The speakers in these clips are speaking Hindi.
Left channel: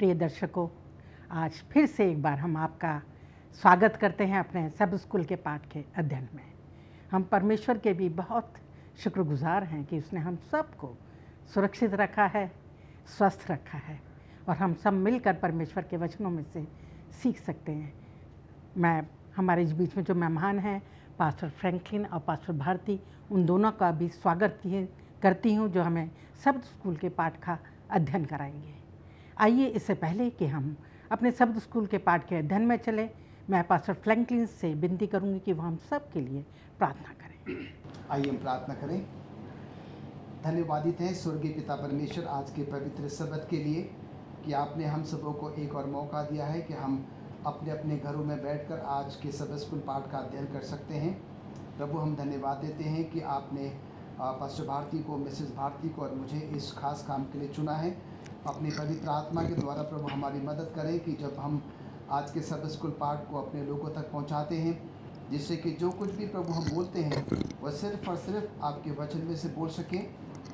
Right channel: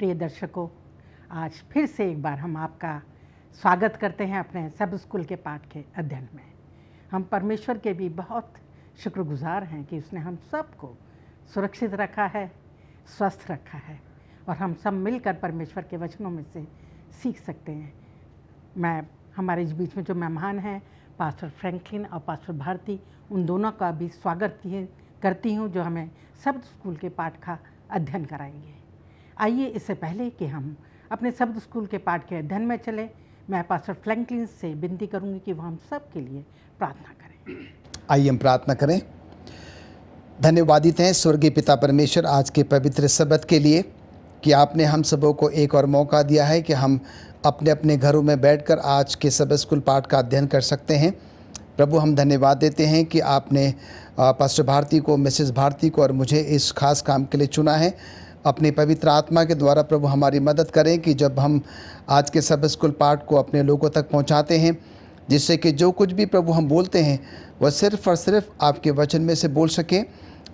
प्रिय दर्शकों, आज फिर से एक बार हम आपका स्वागत करते हैं अपने सब स्कूल के पाठ के अध्ययन में। हम परमेश्वर के भी बहुत शुक्रगुजार हैं कि उसने हम सबको सुरक्षित रखा है, स्वस्थ रखा है और हम सब मिलकर परमेश्वर के वचनों में से सीख सकते हैं। मैं हमारे इस बीच में जो मेहमान हैं पास्टर फ्रैंकलिन और पास्टर भारती, उन दोनों का भी स्वागत करती हूँ जो हमें शब्द स्कूल के पाठ का अध्ययन कराएंगे। आइए, इससे पहले कि हम अपने शब्द स्कूल के पाठ के अध्ययन में चले, मैं पास्टर फ्रैंकलिन से विनती करूंगी कि वो हम सब के लिए प्रार्थना करें। आइए हम प्रार्थना करें। धन्यवादित हैं स्वर्गीय पिता परमेश्वर आज के पवित्र शब्द के लिए कि आपने हम सबों को एक और मौका दिया है कि हम अपने अपने घरों में बैठकर आज के शब्द स्कूल पाठ का अध्ययन कर सकते हैं। प्रभु, हम धन्यवाद देते हैं कि आपने पास्टर भारती को, मिसेस भारती को और मुझे इस खास काम के लिए चुना है। अपनी पवित्र आत्मा के द्वारा प्रभु हमारी मदद करें कि जब हम आज के शब्द स्कूल पाठ को अपने लोगों तक पहुंचाते हैं, जिससे कि जो कुछ भी प्रभु हम बोलते हैं वह सिर्फ़ और सिर्फ आपके वचन में से बोल सके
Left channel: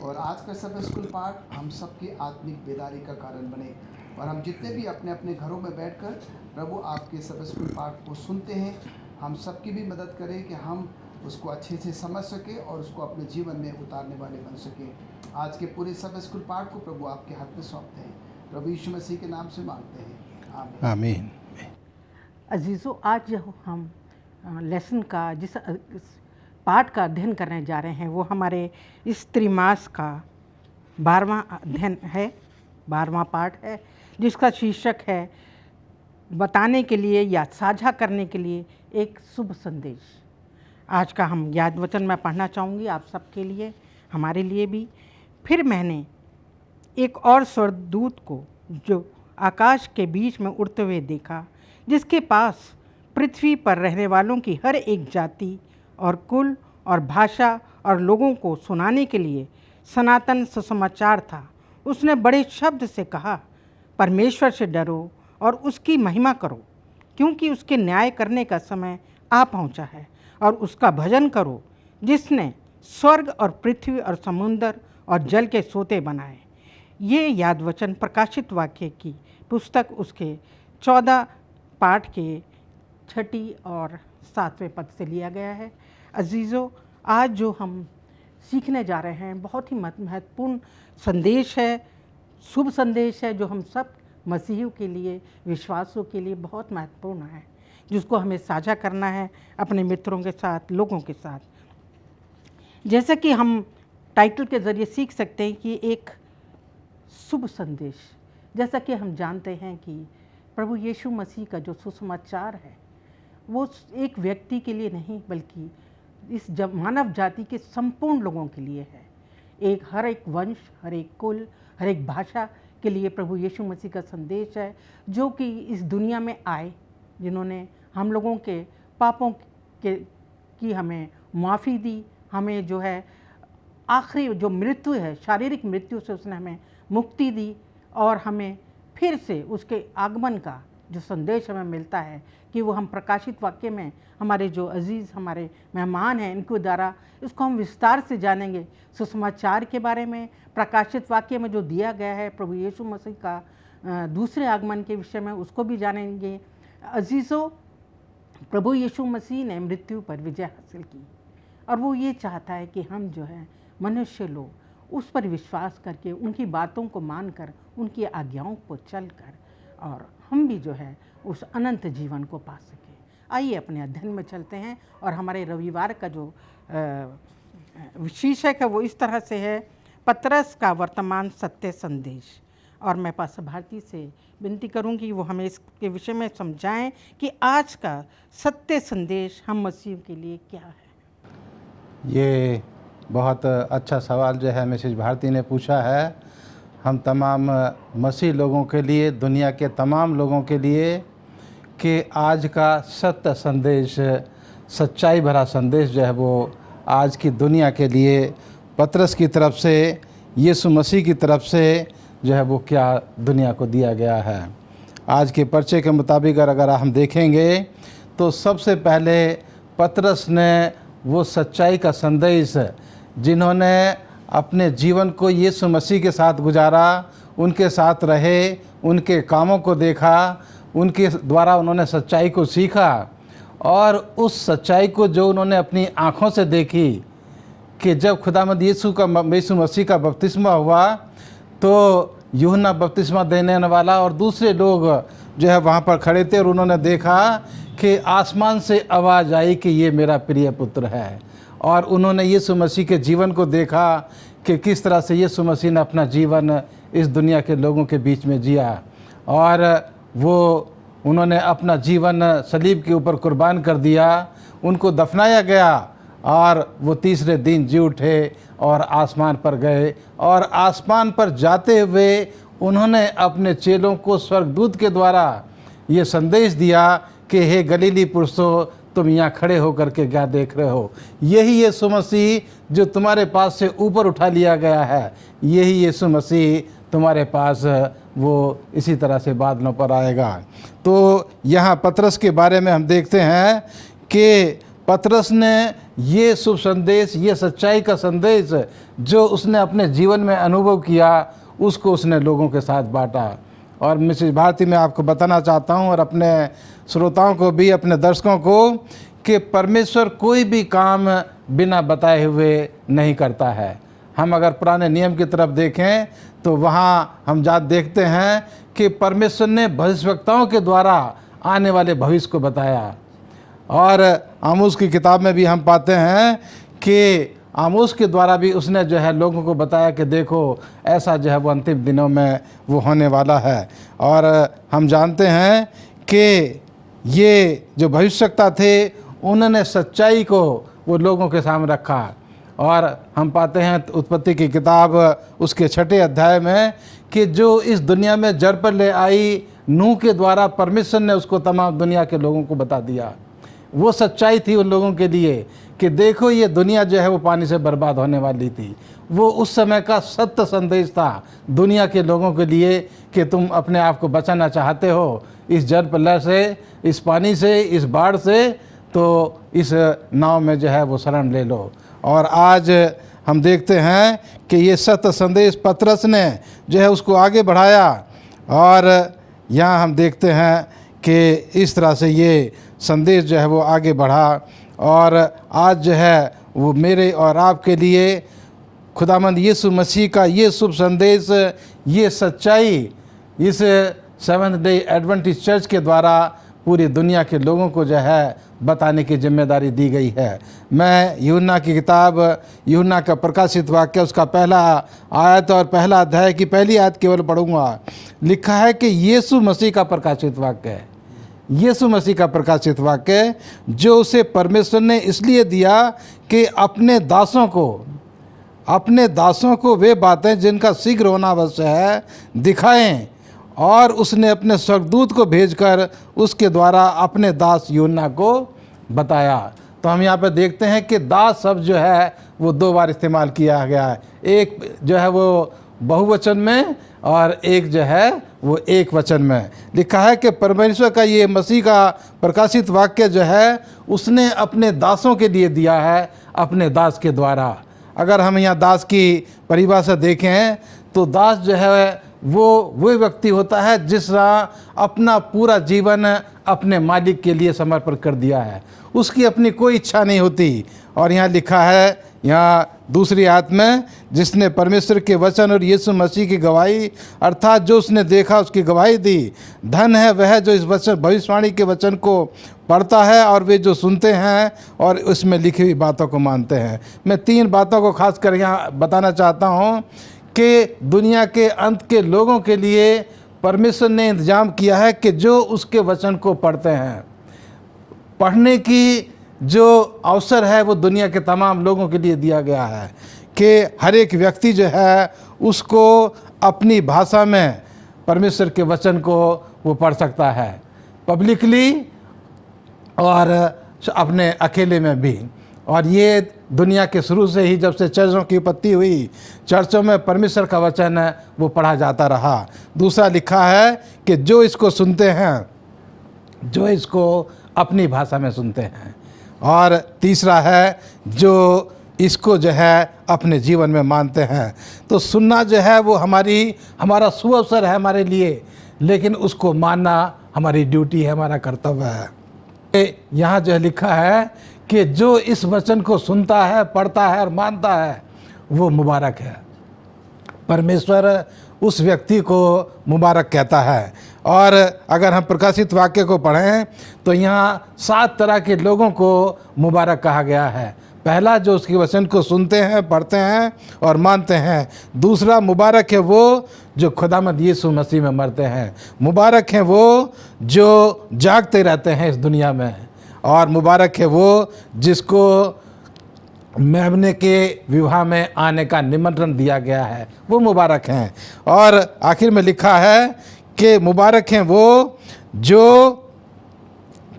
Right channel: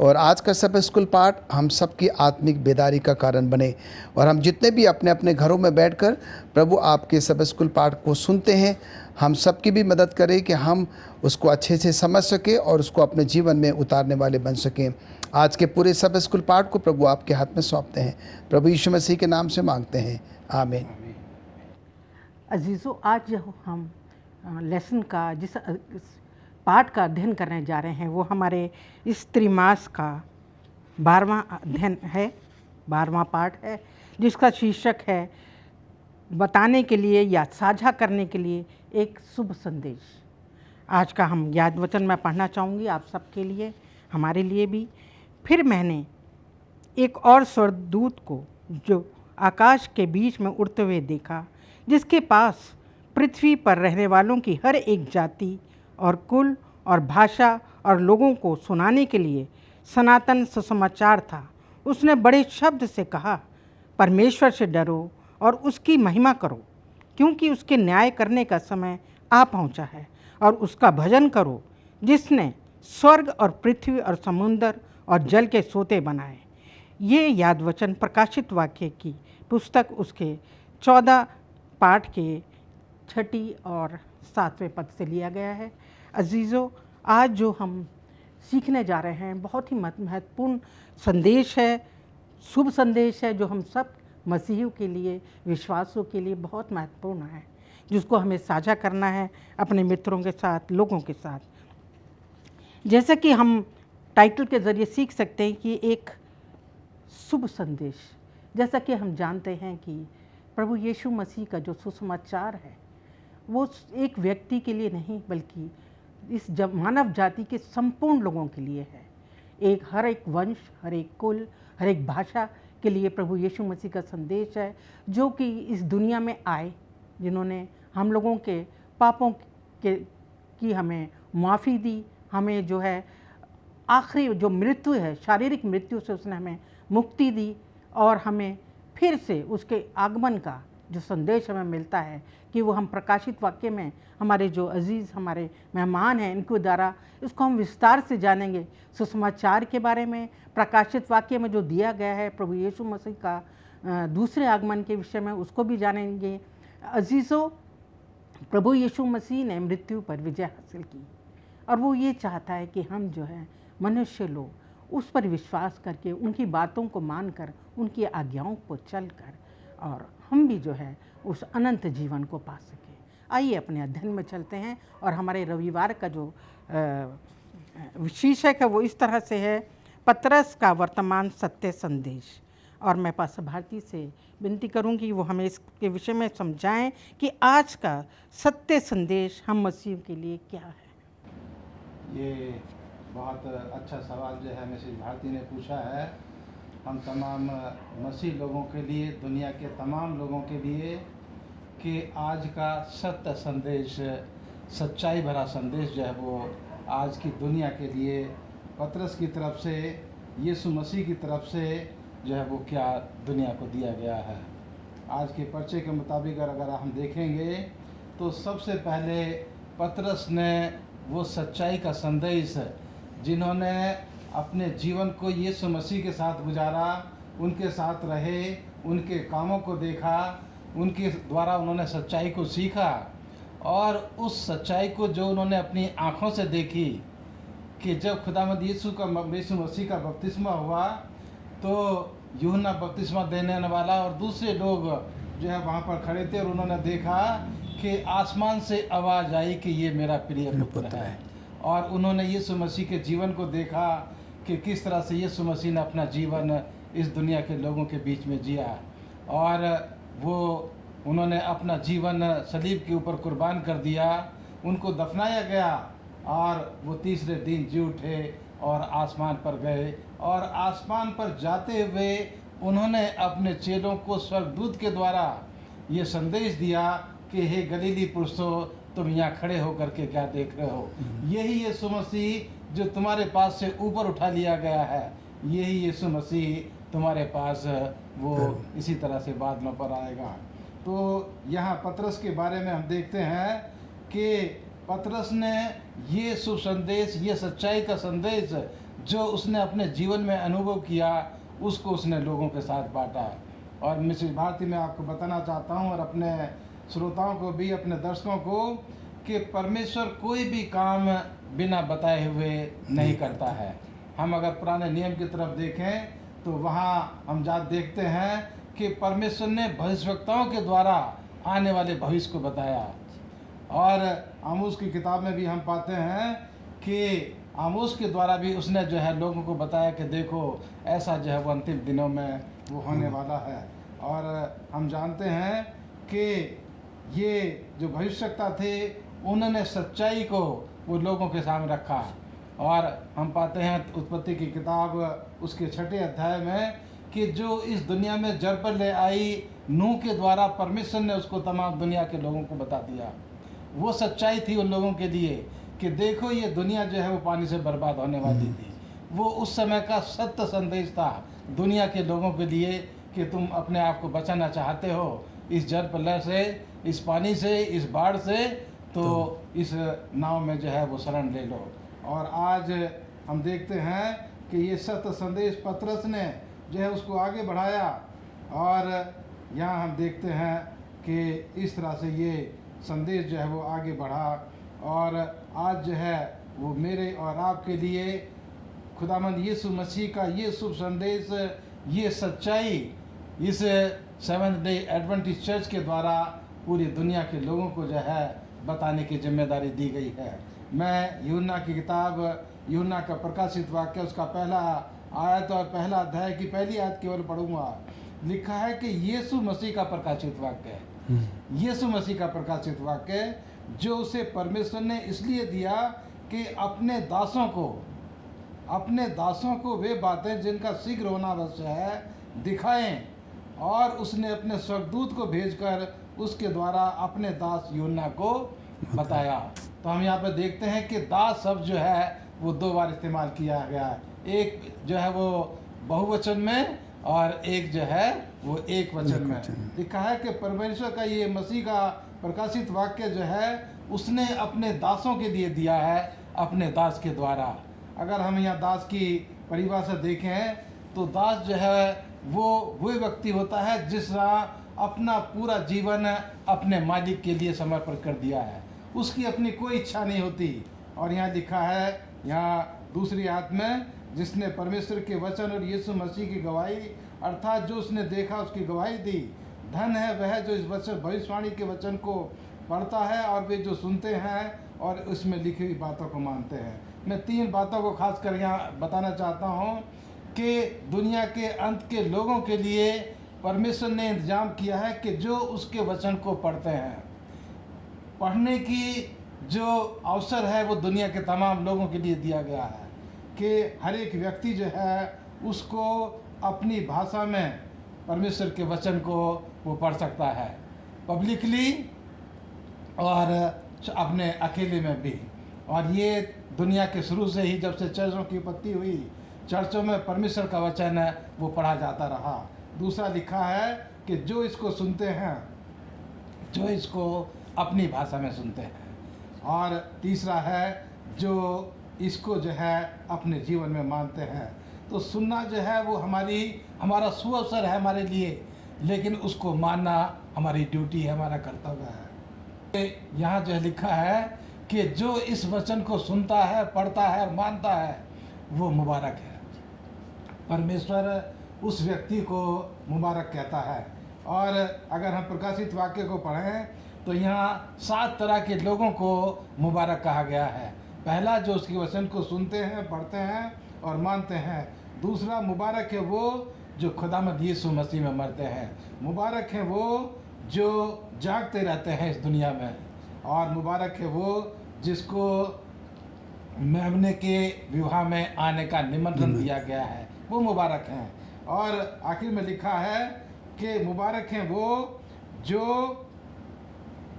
और आज का शब्द स्कूल पाठ हम सबकी आत्मिक बेदारी का कारण बने। और हम जितने भी अपने अपने घरों में बैठकर प्रभु आपके शब्द स्कूल पाठ को सुनते हैं, हम सबकी भी मदद करें कि हम उसको अच्छे से समझ सकें और उसको अपने जीवन में उतारने वाले बन सकें। आज के पूरे शब्द स्कूल पाठ को प्रभु आपके हाथ में सौंपते हैं, प्रभु यीशु मसीह के नाम से मांगते हैं, आमीन आमीन। अजीज़ों, आज जो हम लेसन का जिस पाठ का अध्ययन करने जा रहे हैं वो हमारे इस त्रिमास का 12वां अध्ययन है, 12वां पाठ है, जिसका शीर्षक है बताने के लिए या साझा करने के लिए एक शुभ संदेश। आज का हम याद वचन मैं पढ़ना चाहूँगी आप सबके लिए, हमारे लिए भी। फिर मैंने एक और स्वर्गदूत को जो आकाश के बीच में उड़ते हुए देखा, जिसके पास पृथ्वी पर रहने वालों की हर एक जाति और कुल और भाषा और लोगों को सुनाने के लिए सनातन सुसमाचार था। उसने बड़े शब्द से कहा, परमेश्वर से डरो और उसकी महिमा करो, क्योंकि उसके न्याय करने का समय आ पहुंचा है, और उसका भजन करो जिसने स्वर्ग और पृथ्वी और समुद्र और जल के सोते बनाए। ये याद वचन प्रकाशित वाक्य की पुस्तक उसके 14 पाठ के 6 और 7वें पद से लिया गया है। अजीज़ों, आज जो हम सीखने जा रहे हैं बहुत ही महत्वपूर्ण संदेश है, शुभ संदेश है, जो हम सब मसीहियों के लिए, विश्वासों के लिए बहुत महत्वपूर्ण है, जिसको हमें साझा करना है अपने मित्रों के साथ, लोगों के साथ। जैसा कि हम टाइटल के ज़रिए सीख सकते हैं कि एक शुभ संदेश, जैसा कि हम जानते हैं कि प्रभु यीशु मसीह का जो सुसमाचार है वो एक व्यक्ति के लिए नहीं बल्कि इस मानव जाति के संपूर्ण लोगों के लिए है। हर एक वंश, हर एक कुल, हर एक भाषा के लिए प्रभु यीशु मसीह का संदेश है, जो कि इस दुनिया में आए, जिन्होंने हम लोगों के पापों की हमें माफ़ी दी, हमें जो है आखिरी जो मृत्यु है, शारीरिक मृत्यु से उसने हमें मुक्ति दी, और हमें फिर से उसके आगमन का जो संदेश हमें मिलता है कि वो हम प्रकाशित वाक्य में हमारे जो अजीज़ हमारे मेहमान हैं इनके द्वारा इसको हम विस्तार से जानेंगे। सुसमाचार के बारे में प्रकाशित वाक्य में जो दिया गया है प्रभु यीशु मसीह का दूसरे आगमन के विषय में, उसको भी जानेंगे। अजीज़ों, प्रभु यीशु मसीह ने मृत्यु पर विजय हासिल की और वो ये चाहता है कि हम जो है मनुष्य लोग उस पर विश्वास करके, उनकी बातों को मानकर, उनकी आज्ञाओं को चलकर और हम भी जो है उस अनंत जीवन को पा सके। आइए अपने अध्ययन में चलते हैं, और हमारे रविवार का जो शीर्षक है वो इस तरह से है, पतरस का वर्तमान सत्य संदेश। और मैं पास्टर भारती से विनती करूंगी वो हमें इसके विषय में समझाएं कि आज का सत्य संदेश हम मसीह के लिए क्या है। ये बहुत अच्छा सवाल जो है मिसेज भारती ने पूछा है। हम तमाम मसीह लोगों के लिए, दुनिया के तमाम लोगों के लिए, कि आज का सत्य संदेश, सच्चाई भरा संदेश जो है वो आज की दुनिया के लिए पतरस की तरफ से, यीशु मसीह की तरफ से जो है वो क्या दुनिया को दिया गया है। आज के पर्चे के मुताबिक अगर हम देखेंगे तो सबसे पहले पतरस ने वो सच्चाई का संदेश, जिन्होंने अपने जीवन को यीशु मसीह के साथ गुजारा, उनके साथ रहे, उनके कामों को देखा, उनके द्वारा उन्होंने सच्चाई को सीखा, और उस सच्चाई को जो उन्होंने अपनी आँखों से देखी कि जब खुदावंद यीशु मसीह का बपतिस्मा हुआ तो यूहन्ना बपतिस्मा देने वाला और दूसरे लोग जो है वहाँ पर खड़े थे, और उन्होंने देखा कि आसमान से आवाज़ आई कि ये मेरा प्रिय पुत्र है। और उन्होंने यीशु मसीह के जीवन को देखा कि किस तरह से यीशु मसीह ने अपना जीवन इस दुनिया के लोगों के बीच में जिया, और वो उन्होंने अपना जीवन सलीब के ऊपर कुर्बान कर दिया, उनको दफनाया गया, और वो तीसरे दिन जी उठे और आसमान पर गए। और आसमान पर जाते हुए उन्होंने अपने चेलों को स्वर्गदूत के द्वारा ये संदेश दिया कि हे गलीली पुरुषों, तुम यहाँ खड़े होकर के क्या देख रहे हो? यही यीशु मसीह जो तुम्हारे पास से ऊपर उठा लिया गया है, यही यीशु मसीह तुम्हारे पास वो इसी तरह से बादलों पर आएगा। तो यहाँ पतरस के बारे में हम देखते हैं कि पतरस ने ये शुभ संदेश, ये सच्चाई का संदेश जो उसने अपने जीवन में अनुभव किया, उसको उसने लोगों के साथ बांटा। और मिसेज भारती मैं आपको बताना चाहता हूँ, और अपने श्रोताओं को भी, अपने दर्शकों को, कि परमेश्वर कोई भी काम बिना बताए हुए नहीं करता है। हम अगर पुराने नियम की तरफ देखें तो वहाँ हम देखते हैं कि परमेश्वर ने भविष्यवक्ताओं के द्वारा आने वाले भविष्य को बताया। और आमोस की किताब में भी हम पाते हैं कि आमोस के द्वारा भी उसने जो है लोगों को बताया कि देखो ऐसा जो है वो अंतिम दिनों में वो होने वाला है। और हम जानते हैं कि ये जो भविष्यवक्ता थे उन्होंने सच्चाई को वो लोगों के सामने रखा। और हम पाते हैं उत्पत्ति की किताब उसके 6 अध्याय में कि जो इस दुनिया में जड़ पर ले आई नूह के द्वारा परमेश्वर ने उसको तमाम दुनिया के लोगों को बता दिया। वो सच्चाई थी उन लोगों के लिए कि देखो ये दुनिया जो है वो पानी से बर्बाद होने वाली थी। वो उस समय का सत्य संदेश था दुनिया के लोगों के लिए कि तुम अपने आप को बचाना चाहते हो इस जल प्रलय से, इस पानी से, इस बाढ़ से, तो इस नाव में जो है वो शरण ले लो। और आज हम देखते हैं कि ये सत्य संदेश पतरस ने जो है उसको आगे बढ़ाया। और यहाँ हम देखते हैं कि इस तरह से ये संदेश जो है वो आगे बढ़ा। और आज जो है वो मेरे और आपके लिए खुदावंद यीशु मसीह का ये शुभ संदेश, ये सच्चाई इस सेवंथ डे एडवेंटिस्ट चर्च के द्वारा पूरी दुनिया के लोगों को जो है बताने की जिम्मेदारी दी गई है। मैं यूहन्ना की किताब, यूहन्ना का प्रकाशित वाक्य, उसका पहला आयत और पहला अध्याय की पहली आयत केवल पढ़ूंगा। लिखा है कि यीशु मसीह का प्रकाशित वाक्य है, यीशु मसीह का प्रकाशित वाक्य जो उसे परमेश्वर ने इसलिए दिया कि अपने दासों को वे बातें जिनका शीघ्र होना अवश्य है दिखाएं। और उसने अपने स्वर्गदूत को भेजकर उसके द्वारा अपने दास यूहन्ना को बताया। तो हम यहाँ पे देखते हैं कि दास शब्द जो है वो 2 बार इस्तेमाल किया गया है, एक जो है वो बहुवचन में और एक जो है वो एक वचन में। लिखा है कि परमेश्वर का ये मसीह का प्रकाशित वाक्य जो है उसने अपने दासों के लिए दिया है, अपने दास के द्वारा। अगर हम यहाँ दास की परिभाषा देखें तो दास जो है वो व्यक्ति होता है जिसने अपना पूरा जीवन अपने मालिक के लिए समर्पण कर दिया है, उसकी अपनी कोई इच्छा नहीं होती। और यहाँ लिखा है, यहाँ दूसरी आयत में, जिसने परमेश्वर के वचन और यीशु मसीह की गवाही अर्थात जो उसने देखा उसकी गवाही दी। धन है वह जो इस वचन भविष्यवाणी के वचन को पढ़ता है और वे जो सुनते हैं और उसमें लिखी हुई बातों को मानते हैं। मैं 3 बातों को खास कर यहाँ बताना चाहता हूँ कि दुनिया के अंत के लोगों के लिए परमेश्वर ने इंतजाम किया है कि जो उसके वचन को पढ़ते हैं, पढ़ने की जो अवसर है वो दुनिया के तमाम लोगों के लिए दिया गया है कि हर एक व्यक्ति जो है उसको अपनी भाषा में परमेश्वर के वचन को वो पढ़ सकता है, पब्लिकली और अपने अकेले में भी। और ये दुनिया के शुरू से ही, जब से चर्चों की उत्पत्ति हुई, चर्चों में परमेश्वर का वचन है वो पढ़ा जाता रहा। दूसरा लिखा है कि जो इसको सुनते हैं, जो इसको अपनी भाषा में सुनते हैं। और तीसरा है जो इसको जो है अपने जीवन में मानते हैं। तो सुनना जो है वो हमारा सुअवसर है हमारे लिए लेकिन उसको मानना हमारी ड्यूटी है, हमारा कर्तव्य है। यहाँ जो लिखा है कि जो इस वचन को सुनता है, पढ़ता है और मानता है वो मुबारक है। परमेश्वर उस व्यक्ति को मुबारक कहता है। और अगर हम प्रकाशित वाक्य को पढ़ें तो यहाँ 7 तरह के लोगों को मुबारक कहा गया है। पहला, जो उसके वचन को सुनते हैं, पढ़ते हैं और मानते हैं। दूसरा, मुबारक है वो जो खुदावंद यीशु मसीह में मरते हैं। मुबारक है वो जो जागते रहते हैं इस दुनिया में। और मुबारक है वो जिसको मेमने के विवाह में आने का निमंत्रण दिया गया है, वो मुबारक हैं। और आखिर में लिखा है कि मुबारक हैं वो जो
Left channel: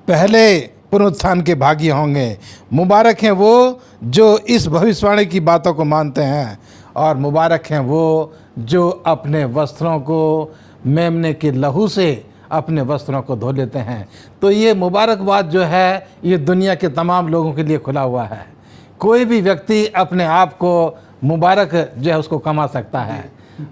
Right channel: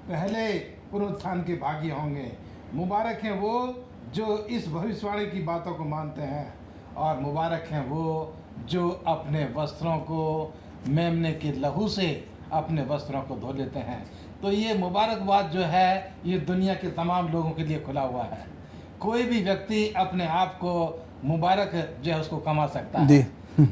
पहले पुनरुत्थान के भागी होंगे। मुबारक हैं वो जो इस भविष्यवाणी की बातों को मानते हैं। और मुबारक हैं वो जो अपने वस्त्रों को मेमने के लहू से अपने वस्त्रों को धो लेते हैं। तो ये मुबारकबाद जो है ये दुनिया के तमाम लोगों के लिए खुला हुआ है। कोई भी व्यक्ति अपने आप को मुबारक जो है उसको कमा सकता है।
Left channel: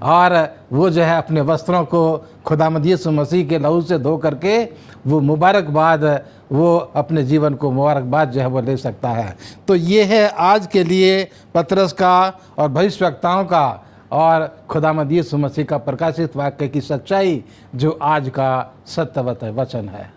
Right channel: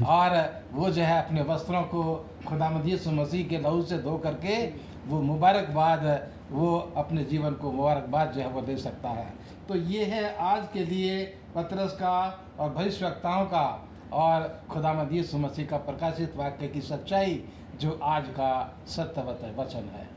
और वो जो है अपने वस्त्रों को खुदावंद यीशु मसीह के लहू से धो करके वो मुबारकबाद, वो अपने जीवन को मुबारकबाद जो है वो ले सकता है। तो ये है आज के लिए पतरस का और भविष्यवक्ताओं का और खुदावंद यीशु मसीह का प्रकाशित वाक्य की सच्चाई जो आज का सत्य वचन है।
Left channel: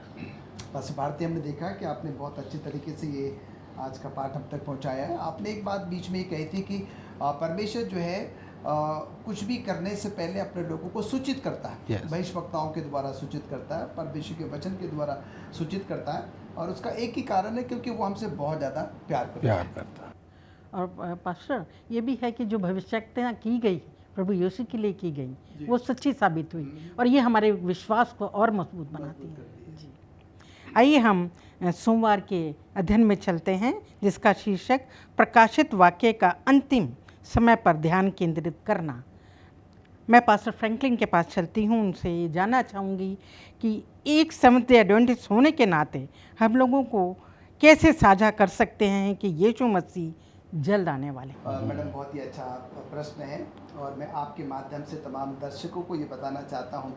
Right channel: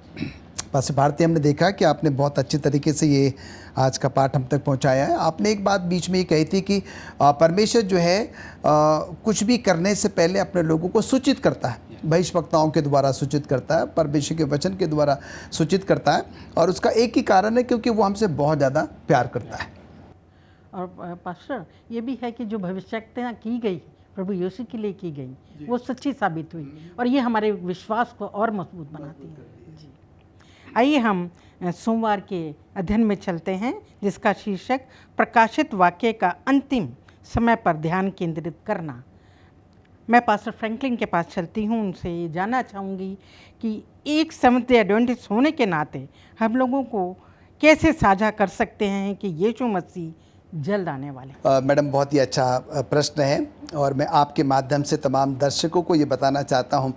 पास्टर भारती, हमने देखा कि आपने बहुत अच्छे तरीके से ये आज का पाठ हम तक पहुंचाया है। आपने एक बात बीच में ये कही थी कि परमेश्वर जो है कुछ भी करने से पहले अपने लोगों को सूचित करता है। भविष्यवक्ताओं के द्वारा सूचित करता है, परमेश्वर के वचन के द्वारा सूचित करता है। और उसका एक ही कारण है, क्योंकि वो हमसे बहुत ज़्यादा प्यार करता है। और पास्टर, ये भी है कि जो भविष्यवाणी की गई प्रभु यीशु के लिए की गई वो सच्ची साबित हुई, और ये हमारे विश्वास को और मजबूत बनाती है। जी, आइए हम सोमवार के अध्ययन में चलते हैं, जिसका शीर्षक प्रकाशित वाक्य का अंतिम समय पर ध्यान केंद्रित करना। मैं पास्टर फ्रैंकलिन के पास चलती हूँ। उनसे ये जानना चाहूँगी कि एक सेवंथ डे एडवेंटिस्ट होने के नाते हम लोगों को कैसे साझा कर सकते हैं कि यीशु मसीह जल्द आने वाले। मैडम, बहुत ही अच्छा प्रश्न है, और मैं आपके माध्यम से तमाम दर्शकों को ये बताना चाहता हूँ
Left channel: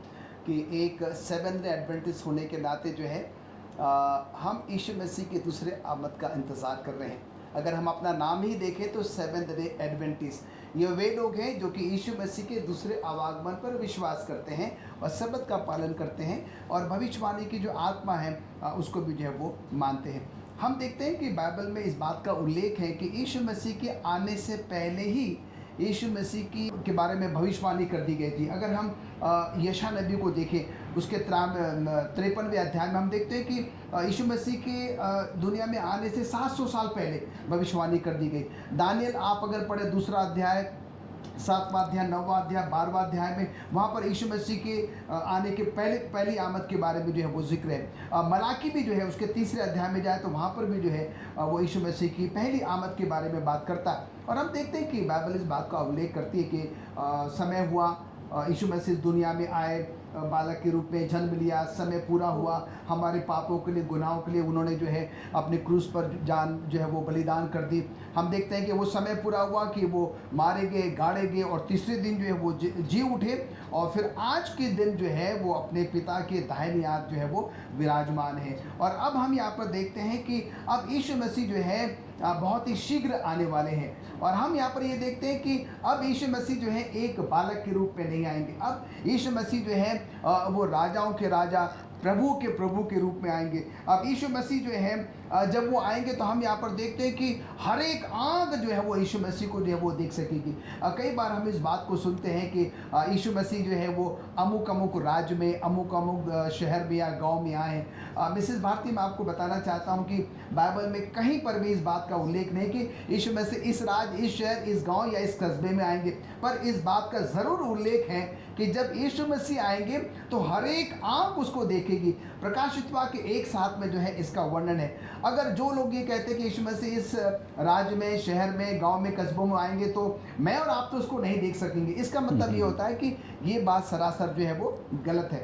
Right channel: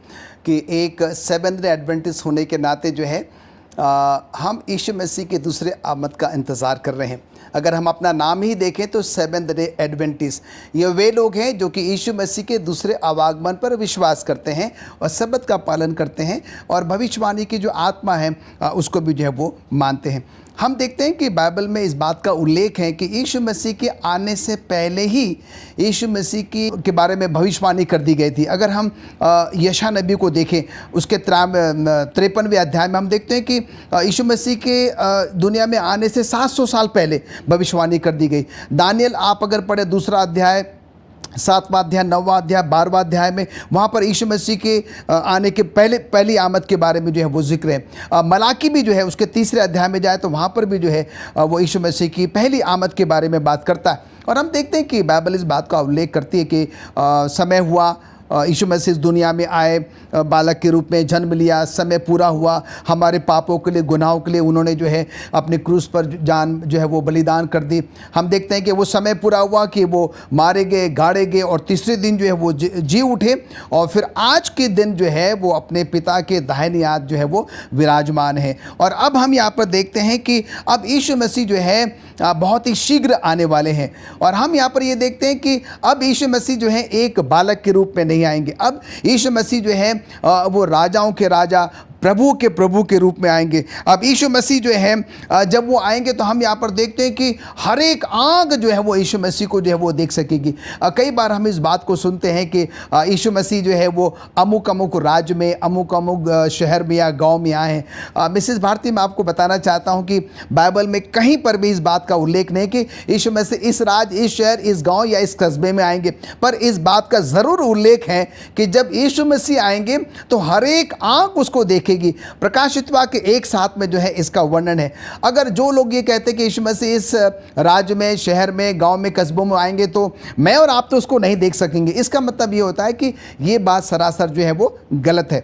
कि एक सेवंथ डे एडवेंटिस्ट होने के नाते जो है हम यीशु मसीह के दूसरे आमद का इंतज़ार कर रहे हैं। अगर हम अपना नाम ही देखें तो सेवंथ डे एडवेंटिस्ट, ये वे लोग हैं जो कि यीशु मसीह के दूसरे आवागमन पर विश्वास करते हैं और सब्बत का पालन करते हैं, और भविष्यवाणी की जो आत्मा है उसको भी जो है वो मानते हैं। हम देखते हैं कि बाइबल में इस बात का उल्लेख है कि यीशु मसीह के आने से पहले ही यीशु मसीह के बारे में भविष्यवाणी कर दी गई थी। अगर हम यशायाह नबी को देखें, उसके 53वें अध्याय में हम देखते हैं कि यीशु मसीह के दुनिया में आने से 700 साल पहले भविष्यवाणी कर दी गई। दानियल आप अगर पढ़े दूसरा अध्याय, 7वां अध्याय, 9वां अध्याय, 12वां अध्याय में वहाँ पर यीशु मसीह के आने के पहली आमद के बारे में जो है वो जिक्र है। मलाकी भी जो है उसके 3रे अध्याय में जाए तो वहाँ पर भी जो है वो यीशु मसीह की पहली आमद के बारे में बात करता है। और हम देखते हैं कि बाइबल इस बात का उल्लेख करती है कि समय हुआ, यीशु मसीह इस दुनिया में आए, बालक के रूप में जन्म लिया, समय पूरा हुआ, हमारे पापों के लिए, गुनाहों के लिए उन्होंने जो है अपने क्रूस पर जान जो है वो बलिदान कर दी। हम देखते हैं कि वो समय पूरा हुआ कि वो मारे गए, गाड़े गए, और तीसरे दिन जो है वो जी उठे, और फिर आज के दिन जो है वो अपने पिता के दाहिने हाथ जो है वो विराजमान है। और अब हम यहाँ पर देखते हैं कि अब यीशु मसीह जो है बहुत ही शीघ्र आने वाले हैं। और हम यहाँ पर ये देखते हैं कि अब यीशु मसीह जो है एक बालक के रूप में नहीं आएंगे। अब यीशु मसीह जो है वो राजाओं के राजा, प्रभु के प्रभु के रूप में आएंगे। अब यीशु मसीह जो है जब वो आएंगे तो हम यहाँ पर देखते हैं कि हर एक आँख जो है वो यीशु मसीह को जो है वो देख सकेगी। कई बार हम इस बात को सुनते हैं कि यीशु मसीह जो है वो अमुक अमुक राज्य में, अमुक अमुक शहर में या गांव में आए हैं। मिसेस भारती, मैं आपको बताना चाहता हूँ कि बाइबल में कहीं पर भी इस बात का उल्लेख नहीं कि यीशु मसीह इस राज्य, इस शहर, इस गाँव या इस कस्बे में आएंगे। पर इस बात का ज़रूर उल्लेख है कि जब यीशु मसीह आएंगे तो हर एक आँख उसको देखेगी। प्रकाशित वाक्य 1:7 में जो है इसका वर्णन है। अगर जो लोग ये कहते हैं कि यीशु मसीह इस राज्य में, शहर में, गांव में, कस्बों में आएंगे तो मैं और आप तो उसको नहीं देख सकेंगे, इसका मतलब ये होता है कि ये बात सरासर जो है वो गलत है।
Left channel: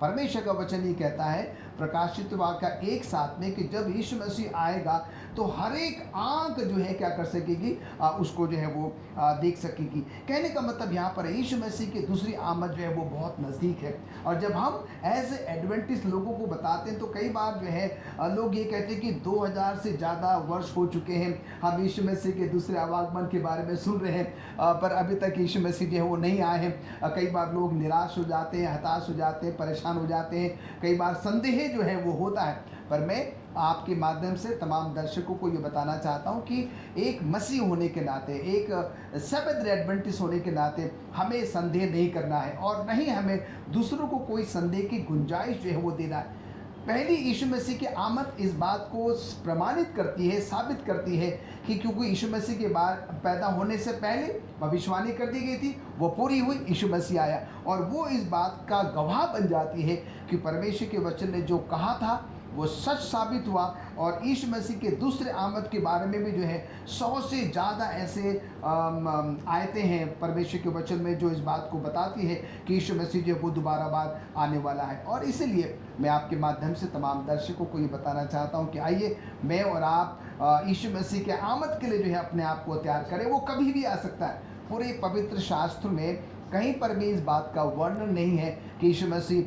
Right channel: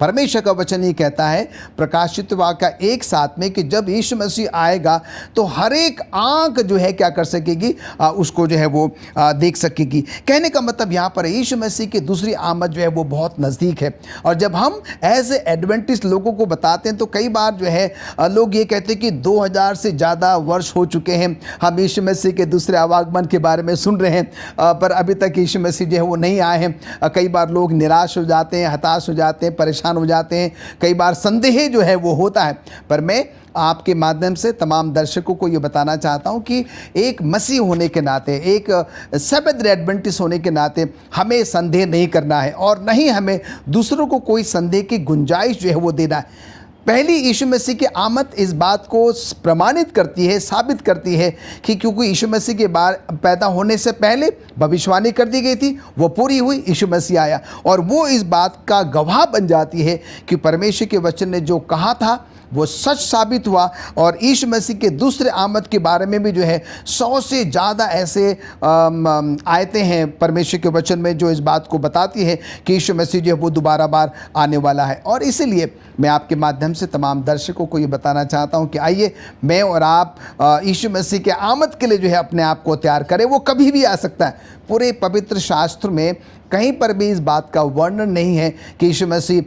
परमेश्वर का वचन ये कहता है प्रकाशित वाक्य 1:7 में कि जब यीशु मसीह आएगा तो हर एक आंख जो है क्या कर सकेगी, उसको जो है वो देख सकेगी। कहने का मतलब यहाँ पर यीशु मसीह की दूसरी आमद जो है वो बहुत नज़दीक है। और जब हम एज ए एडवेंटिस्ट लोगों को बताते हैं तो कई बार जो है लोग ये कहते हैं कि 2000 से ज़्यादा वर्ष हो चुके हैं, हम यीशु मसीह के दूसरे आवागमन के बारे में सुन रहे हैं, पर अभी तक यीशु मसीह जो है वो नहीं आए हैं। कई बार लोग निराश हो जाते हैं, हताश हो जाते हैं, परेशान हो जाते हैं, कई बार संदेह जो है वो होता है। पर मैं आपके माध्यम से तमाम दर्शकों को ये बताना चाहता हूँ कि एक मसीह होने के नाते, एक सेवेंथ डे एडवेंटिस्ट होने के नाते हमें संदेह नहीं करना है और नहीं हमें दूसरों को कोई संदेह की गुंजाइश जो है वो देना है। पहली यीशु मसीह की आमद इस बात को प्रमाणित करती है, साबित करती है कि क्योंकि यीशु मसीह के पैदा होने से पहले भविष्यवाणी कर दी गई थी, वो पूरी हुई, यीशु मसीह आया और वो इस बात का गवाह बन जाती है कि परमेश्वर के वचन ने जो कहा था वो सच साबित हुआ। और यीशु मसीह के दूसरे आमद के बारे में भी जो है 100 से ज़्यादा ऐसे आयतें हैं परमेश्वर के वचन में जो इस बात को बताती है कि यीशु मसीह जो है वो दोबारा बार आने वाला है। और इसीलिए मैं आपके माध्यम से तमाम दर्शकों को ये बताना चाहता हूँ कि आइए मैं और आप यीशु मसीह के आमद के लिए जो है अपने आप को तैयार करें। वो कभी भी आ सकता है। पूरे पवित्र शास्त्र में कहीं पर भी इस बात का वर्णन नहीं है कि यीशु मसीह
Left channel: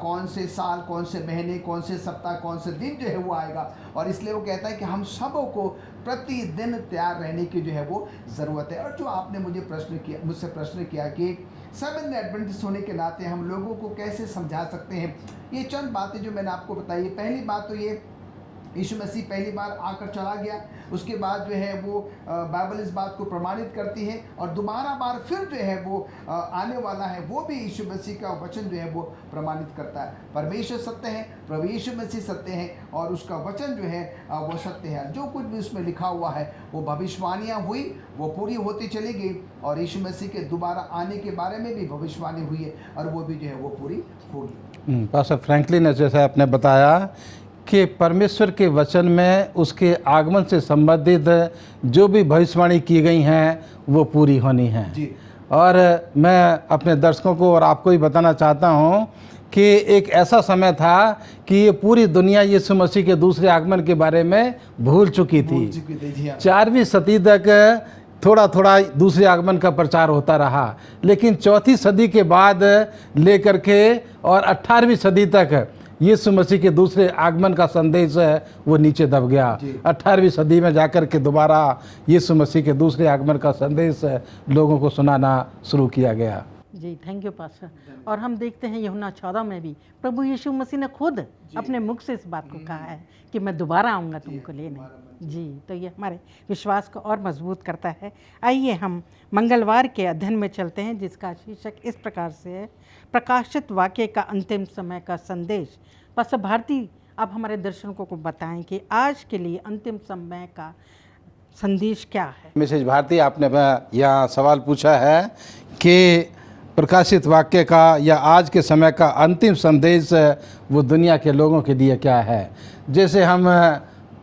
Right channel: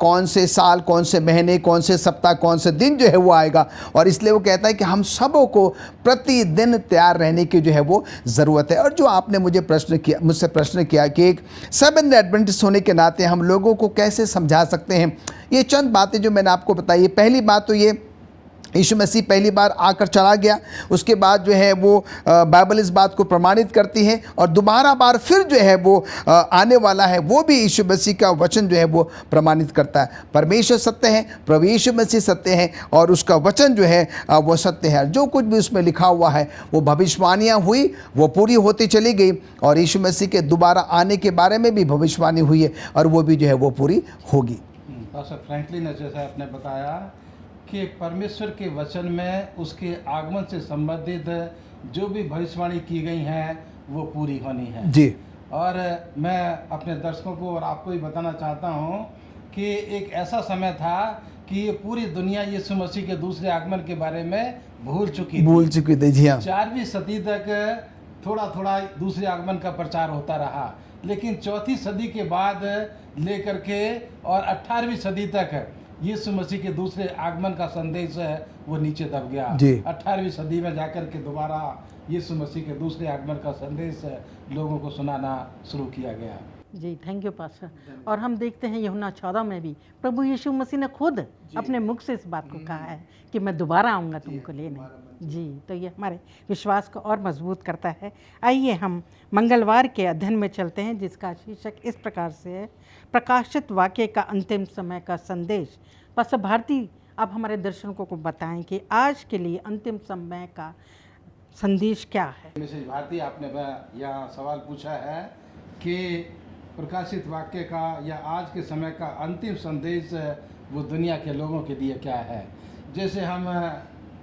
कौन से साल, कौन से महीने, कौन से सप्ताह, कौन से दिन जो है वो आएगा। और इसलिए वो कहता है कि हम सबों को प्रतिदिन तैयार रहने की जो है वो ज़रूरत है। और जो आपने मुझसे प्रश्न किया कि एक सेवेंथ डे एडवेंटिस्ट होने के नाते हम लोगों को कैसे समझा सकते हैं, ये चंद बातें जो मैंने आपको बताई। पहली बात तो ये, यीशु मसीह पहली बार आकर चला गया, उसके बाद जो है वो बाइबल इस बात को प्रमाणित करती है और दोबारा बार फिर जो है वो आने वाला है, वो भी यीशु मसीह का वचन जो है वो प्रमाणित करता है। परमेश्वर सत्य है, प्रभु यीशु मसीह सत्य है और उसका वचन जो है वो सत्य है। जो कुछ भी उसमें लिखा हुआ है वो भविष्यवाणियाँ हुई, वो पूरी होती चली गई और यीशु मसीह के दोबारा आने के बारे में भी भविष्यवाणी हुई है और वो भी जो है वो पूरी होगी। पास्टर फ्रैंकलिन ने जैसे आपने बताया कि परमेश्वर के वचन में उसके आगमन से संबंधित जो भी भविष्यवाणी की गई हैं वो पूरी होनी है जी। और मैं अपने दर्शकों को और आपको भी बताना चाहता हूँ कि एक ऐसा समय था कि ये पूरी दुनिया यीशु मसीह के दूसरे आगमन के बारे में भूल चुकी थी। जी हाँ। 4वीं सदी तक थोड़ा थोड़ा दूसरे आगमन का प्रचार होता रहा, लेकिन 4वीं सदी के बाद लेकर के और 18वीं सदी तक यीशु मसीह के दूसरे आगमन का संदेश है वो नीचे दब गया। 18वीं सदी में जाकर के दोबारा यीशु मसीह के दूसरे आगमन का संदेश लोगों को सुनाना शुरू किया गया। जी, थैंक यू पास्टर। और हम देखते हैं यूहन्ना 14 में भी प्रभु यीशु मसीह ने खुद अपने मुख से इस बात को कहा है कि मैं दोबारा आऊँगा तुमको लेने। जी, तो ये हमारे विश्वास को और मजबूत करता है। आइए हम मंगलवार के अध्ययन में चलते हैं जिसका शीर्षक इस प्रकार से है, प्रकाशित वाक्य का अंतिम समय का संदेश। पास्टर भारती, आप हमारे दर्शकों को बताएं कि आज के लिए अंतिम समय का संदेश क्या है। मिसेज भारती, आपने यहाँ सवाल पूछा है कि प्रकाशित वाक्य का या आज के समय का अंतिम संदेश वो दुनिया के लोगों के लिए क्या है। जैसे हम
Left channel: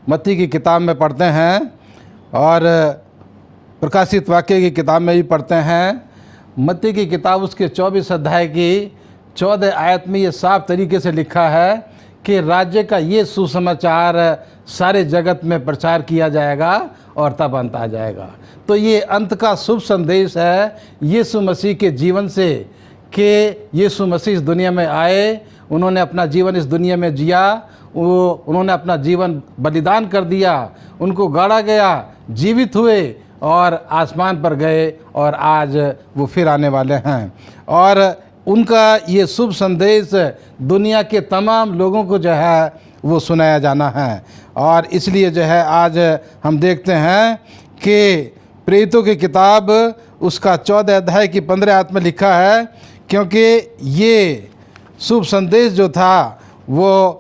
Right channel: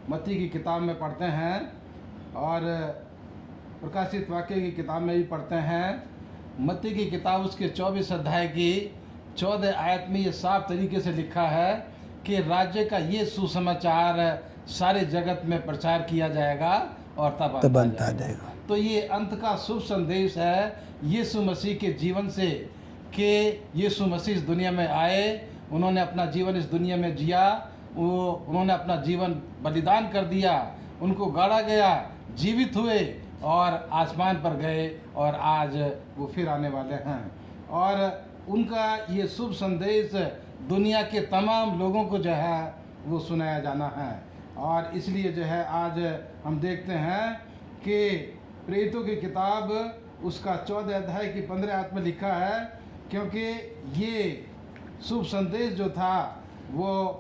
मत्ती की किताब में पढ़ते हैं और प्रकाशित वाक्य की किताब में भी पढ़ते हैं। मत्ती की किताब उसके 24 अध्याय की 14 आयत में ये साफ तरीके से लिखा है कि राज्य का ये सुसमाचार सारे जगत में प्रचार किया जाएगा और तब अंत आ जाएगा। तो ये अंत का शुभ संदेश है यीशु मसीह के जीवन से कि यीशु मसीह इस दुनिया में आए, उन्होंने अपना जीवन इस दुनिया में जिया, उन्होंने अपना जीवन बलिदान कर दिया, उनको गाड़ा गया, जीवित हुए और आसमान पर गए और आज वो फिर आने वाले हैं। और उनका ये शुभ संदेश दुनिया के तमाम लोगों को जो है वो सुनाया जाना है। और इसलिए जो है आज हम देखते हैं कि प्रेरितों की किताब उसका 14 अध्याय की 15 आयत में लिखा है, क्योंकि ये शुभ संदेश जो था वो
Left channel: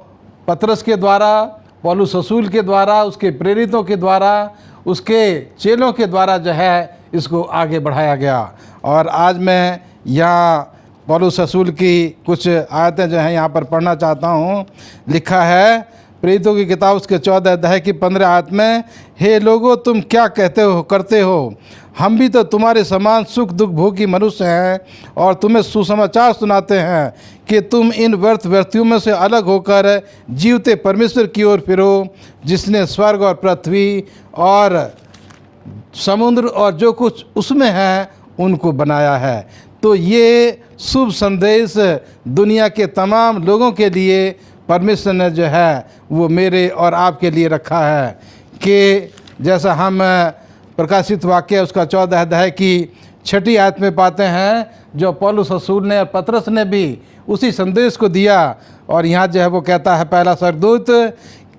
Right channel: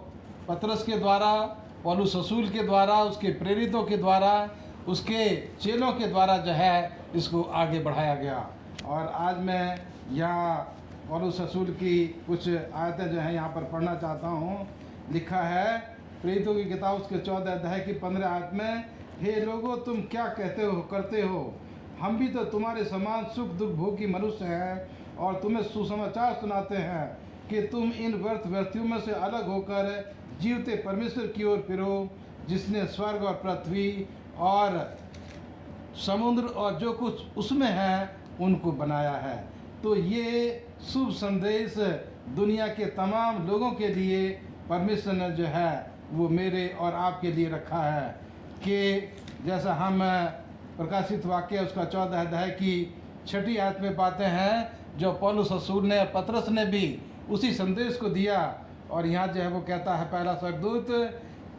पतरस के द्वारा, पौलुस रसूल के द्वारा, उसके प्रेरितों के द्वारा, उसके चेलों के द्वारा जो है इसको आगे बढ़ाया गया। और आज मैं यहाँ पौलुस रसूल की कुछ आयतें जो हैं यहाँ पर पढ़ना चाहता हूँ। लिखा है प्रेरितों की किताब उसके 14 अध्याय की 15 आयत में, हे लोगों तुम क्या करते हो, हम भी तो तुम्हारे समान सुख दुख भोगी मनुष्य हैं और तुम्हें सुसमाचार सुनाते हैं कि तुम इन व्यर्थ व्यक्तियों में से अलग होकर जीवते परमेश्वर की ओर फिरो, जिसने स्वर्ग और पृथ्वी और समुद्र और जो कुछ उसमें है उनको बनाया है। तो ये शुभ संदेश दुनिया के तमाम लोगों के लिए परमेश्वर ने जो है वो मेरे और आपके लिए रखा है कि जैसा हम प्रकाशित वाक्य उसका 14 अध्याय की 6 आयत में पाते हैं, जो पौलुस रसूल ने और पतरस ने भी उसी संदेश को दिया। और यहाँ जो है वो कहता है, पहला स्वर्गदूत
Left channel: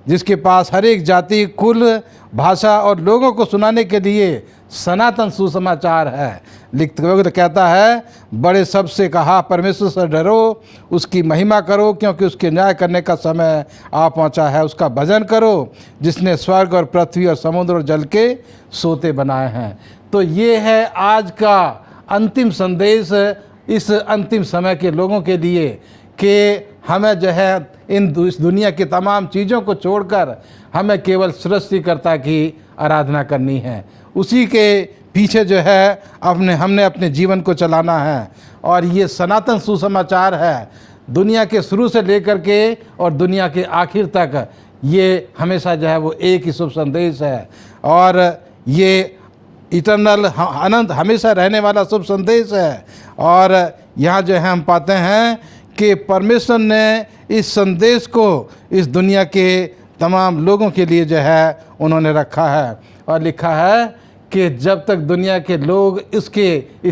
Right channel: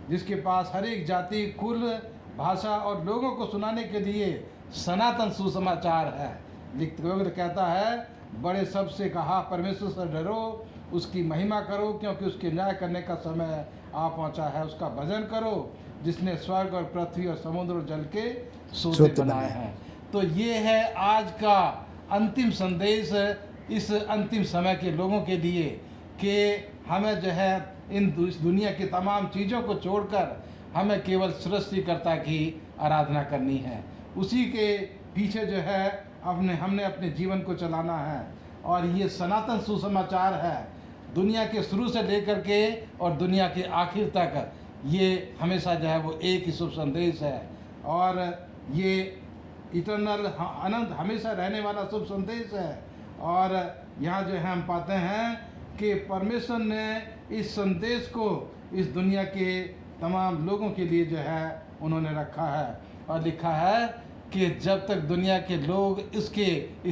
जिसके पास हर एक जाति, कुल, भाषा और लोगों को सुनाने के लिए सनातन सुसमाचार है, लिखते हुए कहता है, बड़े शब्द से कहा, परमेश्वर से डरो, उसकी महिमा करो, क्योंकि उसके न्याय करने का समय आ पहुंचा है। उसका भजन करो, जिसने स्वर्ग और पृथ्वी और समुद्र और जल के सोते बनाए हैं। तो ये है आज का अंतिम संदेश इस अंतिम समय के लोगों के लिए कि हमें जो है इस दुनिया की तमाम चीज़ों को छोड़कर हमें केवल सृष्टिकर्ता की आराधना करनी है। उसी के पीछे जो है हमने अपने जीवन को चलाना है। और ये सनातन सुसमाचार है, दुनिया के शुरू से लेकर के और दुनिया के आखिर तक ये हमेशा जो है वो एक ही शुभ संदेश है। और ये इटर्नल अनंत हमेशा रहने वाला शुभ संदेश है। और यहाँ जो है हम पाते हैं कि परमेश्वर ने इस संदेश को इस दुनिया के तमाम लोगों के लिए जो है उन्होंने रखा है। और लिखा है कि जब तक दुनिया के लोग इस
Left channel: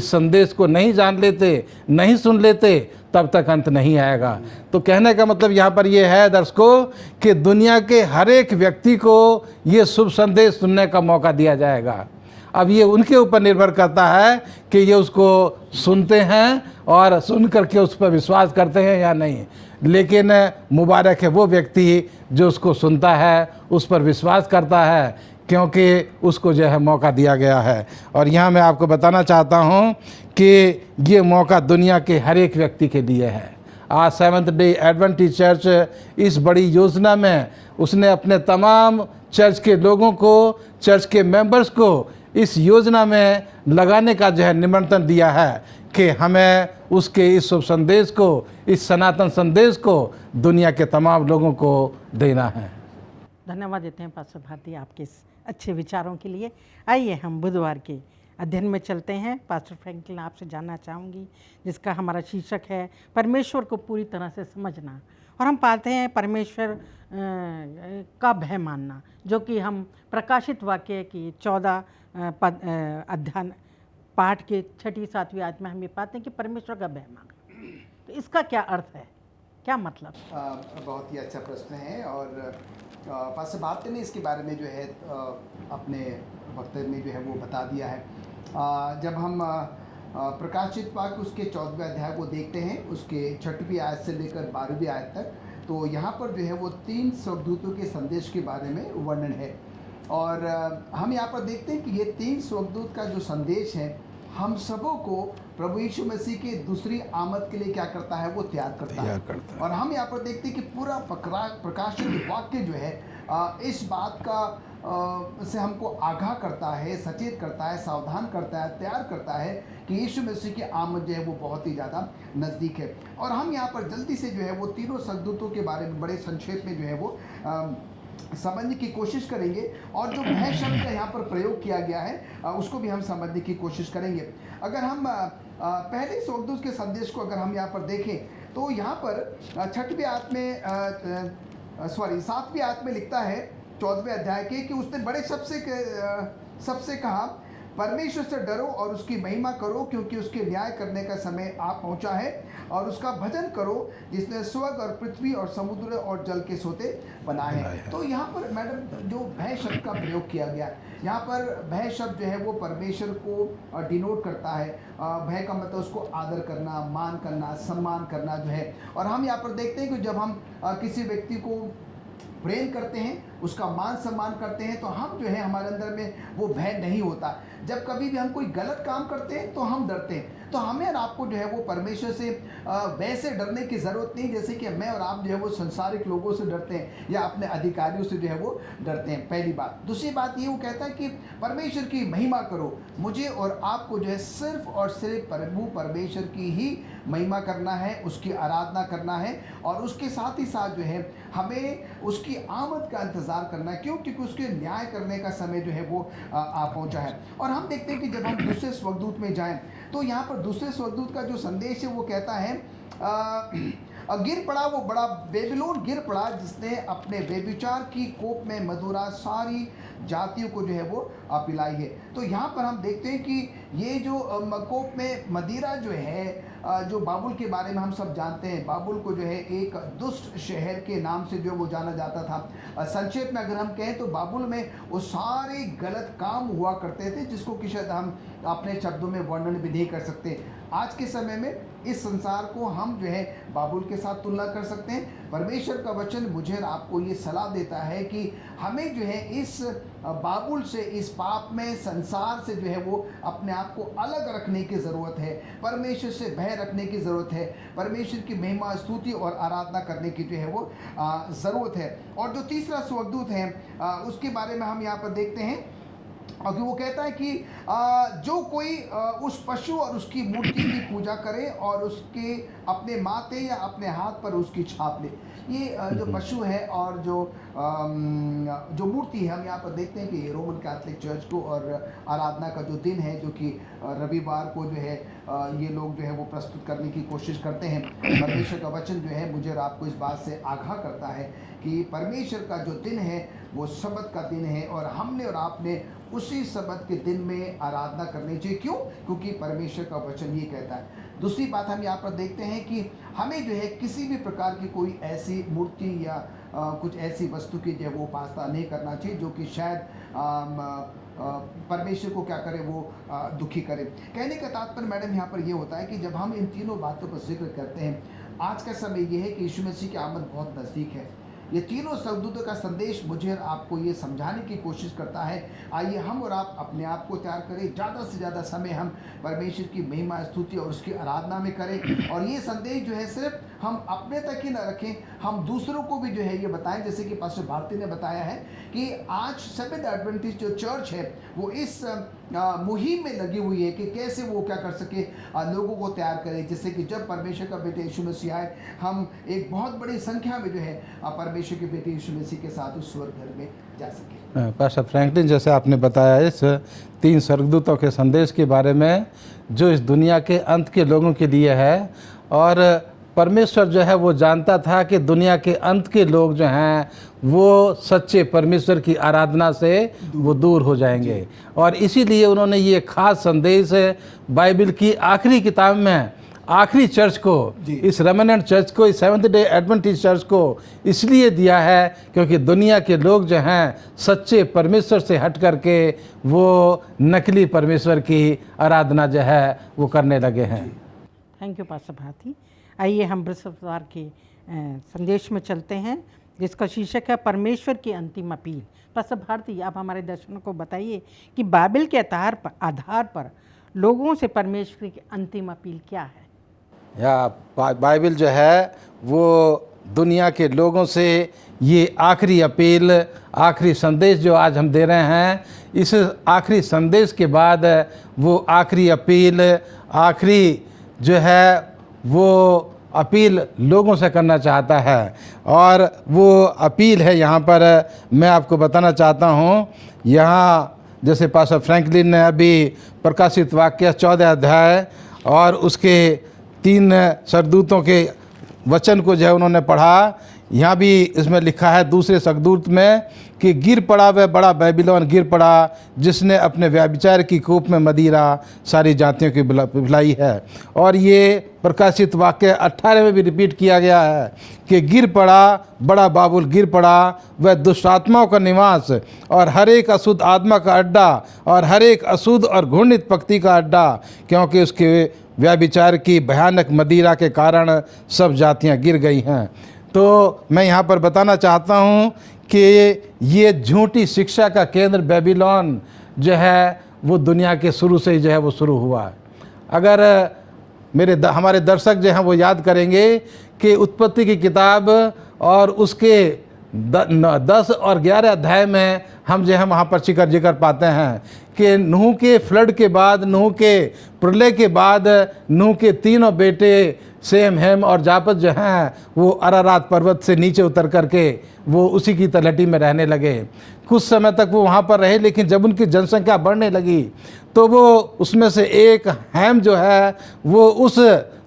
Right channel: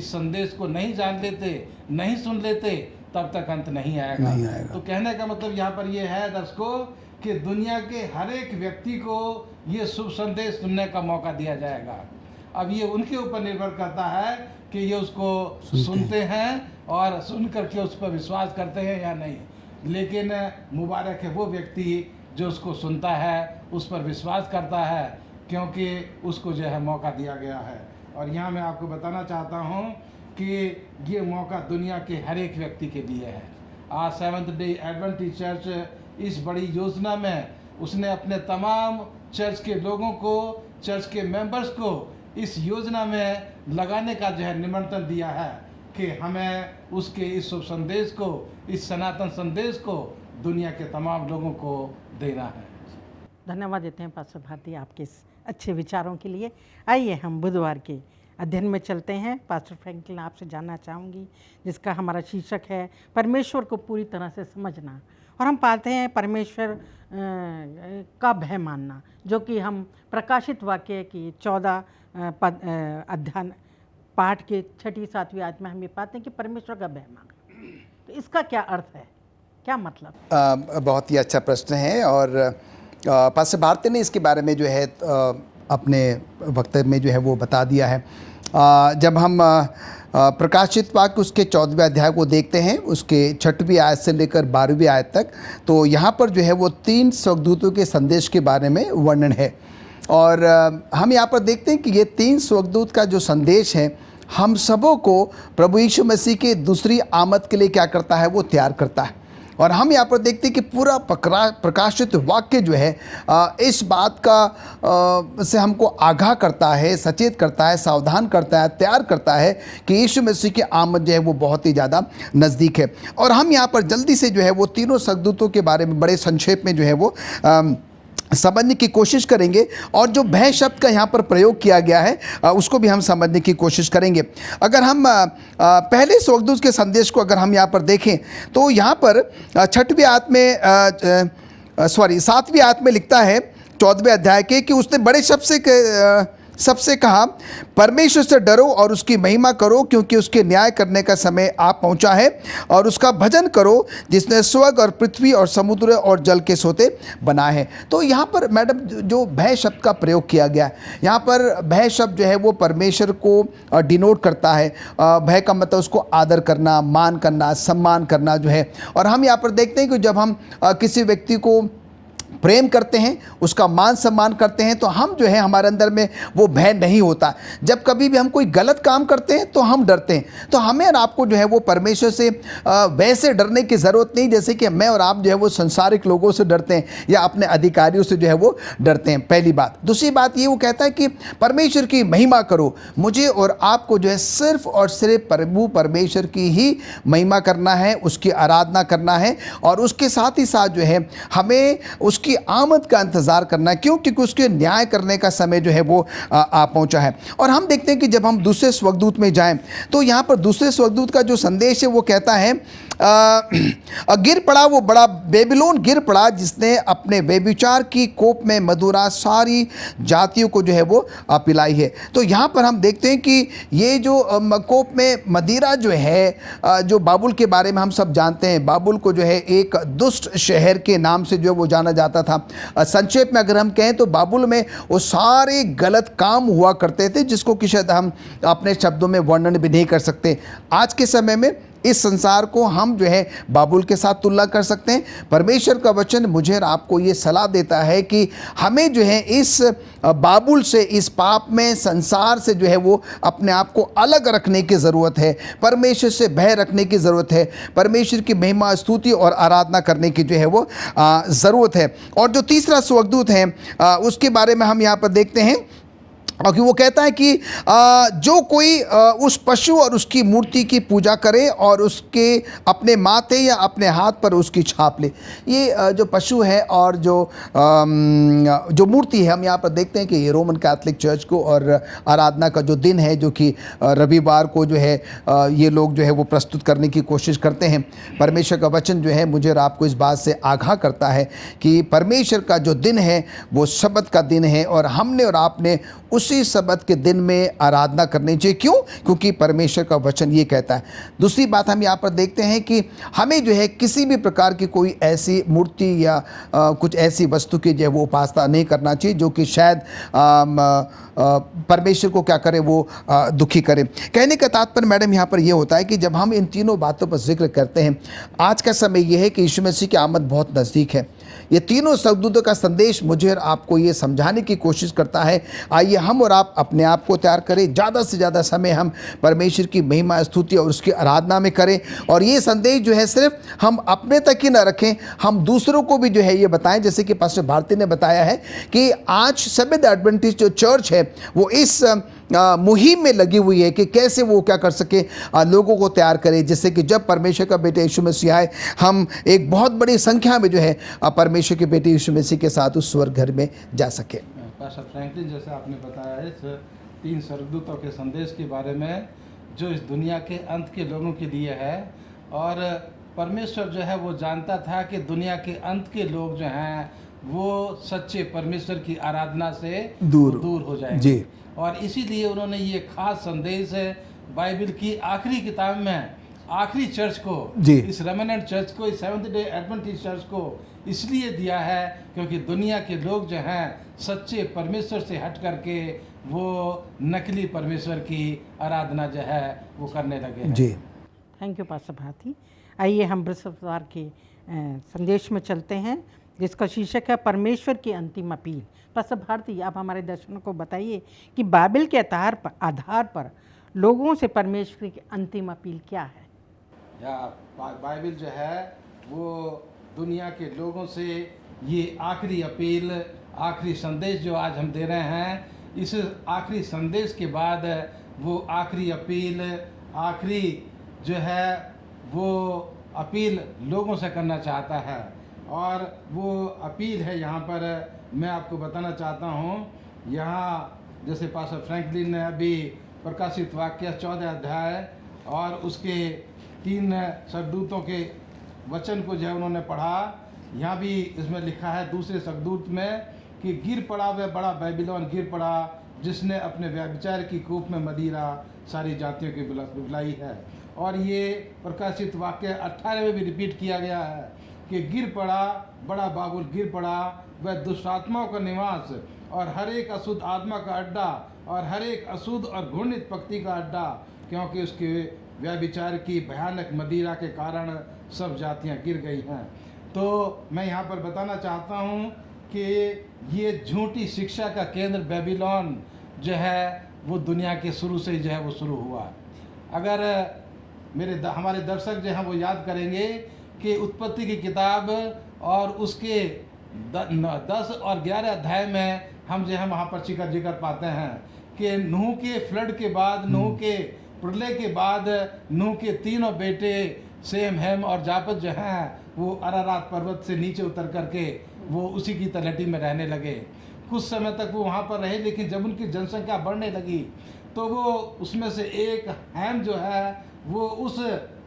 संदेश को नहीं जान लेते, नहीं सुन लेते, तब तक अंत नहीं आएगा। तो कहने का मतलब यहाँ पर ये है दर्शकों कि दुनिया के हर एक व्यक्ति को ये शुभ संदेश सुनने का मौका दिया जाएगा। अब ये उनके ऊपर निर्भर करता है कि ये उसको सुनते हैं और सुन करके उस पर विश्वास करते हैं या नहीं। लेकिन मुबारक है वो व्यक्ति जो उसको सुनता है, उस पर विश्वास करता है, क्योंकि उसको जो है मौका दिया गया है। और यहाँ मैं आपको बताना चाहता हूँ कि ये मौका दुनिया के हर एक व्यक्ति के लिए है। आज सेवंथ डे एडवेंटिस्ट चर्च इस बड़ी योजना में उसने अपने तमाम चर्च के लोगों को, चर्च के मेंबर्स को इस योजना में लगाने का जो है निमंत्रण दिया है कि हमें उसके इस शुभ संदेश को, इस सनातन संदेश को दुनिया के तमाम लोगों को देना है। धन्यवाद देते हैं पास्टर भारती आपके इस अच्छे विचारों के लिए। आइए हम बुधवार के अध्ययन में चलते हैं। पास्टर फ्रैंकलिन आपसे जानना चाहूँगी, जिसका हमारा शीर्षक है परमेश्वर को पूरी तरह से समझना। और हम पाते हैं परमेश्वर का भय मानना, जो कि हम प्रकाशित वाक्य की 14 अध्ययन पाठ के 6-7वीं आयत में हम ये पाते हैं कि परमेश्वर का भय मानना। तो इसका क्या अर्थ है, क्या मतलब? बहुत ही अच्छा प्रश्न है। और पास्टर भारती ने इसके बारे में जो है अपने वक्तव्य में जो है वो बता दिया है। जब हम प्रकाशित वाक्य उसके 14वें अध्याय को देखते हैं, उसके 6वीं आयत से लेकर 12वीं आयत तक, तो यहाँ पर जो है वो 3 स्वर्गदूतों के संदेश के बारे में वर्णन है। और हम यहाँ पर देखते हैं कि ये 3 स्वर्गदूत का जो संदेश है, हम सबों को प्रभु यीशु मसीह के दूसरी आमद के लिए क्या करता है, वो तैयार करता है। और हम यहाँ पर देखते हैं कि पूरा प्रकाशित वाक्य जो है इस बात का से हमको आगाह करता है, सचेत करता है, सावधान करता है, तैयार करता है कि यीशु मसीह की आमद जो है वो बहुत ही ज़्यादा नज़दीक है। और हम यहाँ पर जल्दी से जो है वो तीनों स्वर्गदूतों के बारे में बड़े संक्षेप में जो है वो समझने की कोशिश करेंगे। और जो भय शब्द का यहाँ पर प्रयोग किया गया है उसको भी हम समझने की कोशिश करेंगे। अगर हम पहले स्वर्गदूत के संदेश को अगर हम यहाँ पर देखें, तो यहाँ पर 7वीं आयत में लिखता है 14वें अध्याय के कि उसने बड़े शब्द सबसे कहा, परमेश्वर से डरो और उसकी महिमा करो, क्योंकि उसके न्याय करने का समय आ पहुंचा है। और उसका भजन करो, जिसने स्वर्ग और पृथ्वी और समुद्र और जल के सोते बनाए हैं। तो यहाँ पर मैडम जो भय शब्द का प्रयोग किया गया, यहाँ पर भय शब्द जो है वो परमेश्वर को डिनोट करता है। भय का मतलब उसको आदर करना, मान करना, सम्मान करना जो है। और हम यहाँ पर देखते हैं कि जब हम किसी व्यक्ति को प्रेम करते हैं, उसका मान सम्मान करते हैं, तो हम जो है हमारे अंदर में वो भय नहीं होता। जब कभी भी हम कोई गलत काम करते हैं तो हम डरते हैं। तो हमें और आपको जो है वो परमेश्वर से वैसे डरने की ज़रूरत नहीं जैसे कि मैं और आप जो है वो संसारिक लोगों से डरते हैं या अपने अधिकारियों से जो है वो डरते हैं, पहली बात। दूसरी बात ये, वो कहता है कि परमेश्वर की महिमा करो। मुझे और आपको जो है सिर्फ और सिर्फ प्रभु परमेश्वर की ही महिमा करना है, उसकी आराधना करना है, और उसके साथ ही साथ जो है हमें उसकी आमद का इंतज़ार करना है। क्यों? क्योंकि उसके न्याय करने का समय जो है वो आ पहुंचा है। और हम देखते हैं कि जब हम दूसरे स्वर्गदूत में जाएं तो यहाँ पर दूसरे स्वर्गदूत का जो संदेश है वो कहता है गिर पड़ा वो बड़ा बेबीलोन, गिर पड़ा जिसने अपने व्यभिचार की कोप में मदिरा सारी जातियों को जो है वो पिलाई है। तो यहाँ पर हम देखते हैं कि ये जो कोप में मदिरा जो है, जो बाबुल के बारे में हम सब जानते हैं, बाबुल को जो है एक दुष्ट शहर के नाम से जो है वो जाना जाता था। संक्षेप में अगर हम कहें तो बाबुल में वो सारे गलत काम हुआ करते थे जिसको कि शायद हम अपने शब्दों में वर्णन भी नहीं कर सकते। आज के समय में इस संसार को हम जो है बाबुल के साथ तुलना कर सकते हैं। परमेश्वर का वचन मुझे और आपको ये सलाह देता है कि हमें जो है इस बाबुल से, इस पाप में, संसार से जो है वो अपने आप को अलग रखने की ज़रूरत है। परमेश्वर से भय रखने की ज़रूरत है। परमेश्वर की महिमा, स्तुति और आराधना करने की जो है वो ज़रूरत है। और जो तीसरा स्वर्गदूत है उसके बारे में हम यहाँ पर देखते हैं, क्योंकि वो कहता है कि जो कोई उस पशु और उसकी मूर्ति की पूजा करे और उसके अपने माथे या अपने हाथ पर उसकी छाप ले। ये जो पशु है और जो मूर्ति है, हम यहाँ पर देखते हैं कि ये रोमन कैथोलिक चर्च को और आराधना का जो दिन है, जो कि रविवार को जो है ये लोग जो है वो प्रस्तुत करने की कोशिश करते हैं। परमेश्वर का वचन जो है मुझे और आपको इस बात से आगाह करता है कि परमेश्वर का जो दिन है वो सब्त का दिन है, और हमने और आपने उसी सब्त के दिन में आराधना करनी चाहिए। क्यों? क्योंकि परमेश्वर का वचन ये कहता है। दूसरी बात हम यहाँ पर देखते हैं कि हमें जो है किसी भी प्रकार की कोई ऐसी मूर्ति या कुछ ऐसी वस्तु की जो है वो उपासना नहीं करना चाहिए जो कि शायद परमेश्वर को क्या करे, वो दुखी करे। कहने का तात्पर्य मैडम यहाँ पर यह होता है कि जब हम इन तीनों बातों पर जिक्र करते हैं, आज का समय यह है कि यीशु मसीह की आमद बहुत नज़दीक है। ये तीनों स्वर्गदूतों का संदेश मुझे और आपको ये समझाने की कोशिश करता है। आइए हम और आप अपने आप को तैयार करें, ज़्यादा से ज़्यादा समय हम परमेश्वर की महिमा, स्तुति और उसकी आराधना में करें। और ये संदेश जो है सिर्फ हम अपने तक ही ना रखें, हम दूसरों को भी जो है ये बताएं। जैसे कि पास्टर भारती ने बताया है कि आज सेवेंथ एडवेंटिस्ट जो चर्च है वो इस मुहिम में लगी हुई है कि कैसे वो क्या कर सके, लोगों को तैयार करे, जिससे कि जब परमेश्वर का बेटे यीशु मसीह आए, हम एक बहुत बड़ी संख्या में जो है परमेश्वर के बेटे यीशु मसीह के साथ उस स्वर्ग घर में जा सके। पास्टर फ्रैंकलिन, जैसे आपने बताया इस 3 स्वर्गदूतों के संदेश के बारे में जो इस दुनिया के अंत के लोगों के लिए है, और परमेश्वर जो है वो जानता था कि दुनिया के अंत के लोग जो हैं वो सच्चे परमेश्वर की आराधना से वो दूर हो जाएंगे, और इसीलिए उन्होंने ये खास संदेश बाइबल की आखिरी किताब में आखिरी चर्च को, इस रेमेनेंट चर्च को, इस सेवंथ डे एडवेंटिस्ट चर्च को इसलिए दिया है क्योंकि दुनिया के लोग जो हैं सच्चे परमेश्वर से हट करके वो नकली परमेश्वर की आराधना जो है वो करने लगे हैं। जी, थैंक यू पास्टर भारती। आइए हम बृहस्पतिवार के संदेश में चलते हैं जिसका शीर्षक है परमेश्वर की अंतिम अपील। पास्टर भारती, आप हमारे दर्शकों को बताइए कि बाइबल के आधार पर लोगों से परमेश्वर की अंतिम अपील क्या है। या बाइबल जो है वो दुनिया के लोगों से ये आखिरी अपील, आखिरी संदेश जो आज हम दे रहे हैं, इस आखिरी संदेश के बाद वो आखिरी अपील, आखिरी जो है वो अपील लोगों से करना चाहता है। और वो अपील है यहाँ पर मैं आपको बताना चाहता हूँ। यहाँ जैसे पास्टर फ्रैंकलिन ने अभी प्रकाशित वाक्य 14 अध्याय और उसके 3 स्वर्गदूतों के वचन को जो है उन्होंने पढ़ा। यहाँ भी इसमें लिखा है दूसरे स्वर्गदूत में कि गिर पड़ा वह बड़ा बेबीलोन, गिर पड़ा जिसने अपने व्यभिचार की कूप में मदिरा सारी जातियों की पिलाई है। और ये प्रकाशित वाक्य 18 में भी रिपीट किया गया है कि गिर पड़ा बड़ा बाबुल, गिर पड़ा वह दुष्ट आत्माओं का निवास और हर एक अशुद्ध आत्मा का अड्डा और हर एक अशुद्ध और घृणित पक्ति का अड्डा, क्योंकि उसके व्यभिचार की भयानक मदिरा के कारण सब जातियां गिर गई हैं। तो मैं यहाँ पर बताना चाहता हूँ कि ये झूठी शिक्षा का केंद्र बेबीलोन जो है वो दुनिया के शुरू से ही जो है वो शुरू हुआ। अगर हमारे दर्शक जो हैं वो याद करेंगे कि उत्पत्ति की किताब और उसके 10 और 11 अध्याय में हम जो है वहाँ पर जिक्र पाते हैं कि नूह के फ्लड के बाद, नूह के प्रलय के बाद, नूह के तीनों बेटे सेम, हेम और जापत जो हैं वो अरारात पर्वत से नीचे उतर करके वो उसी की तलहटी में रहने लगे। कुछ समय तक वो वहाँ पर रहे, लेकिन जब उनकी जनसंख्या बढ़ने लगी तो वो उसमें से एक हैम जो है वो उस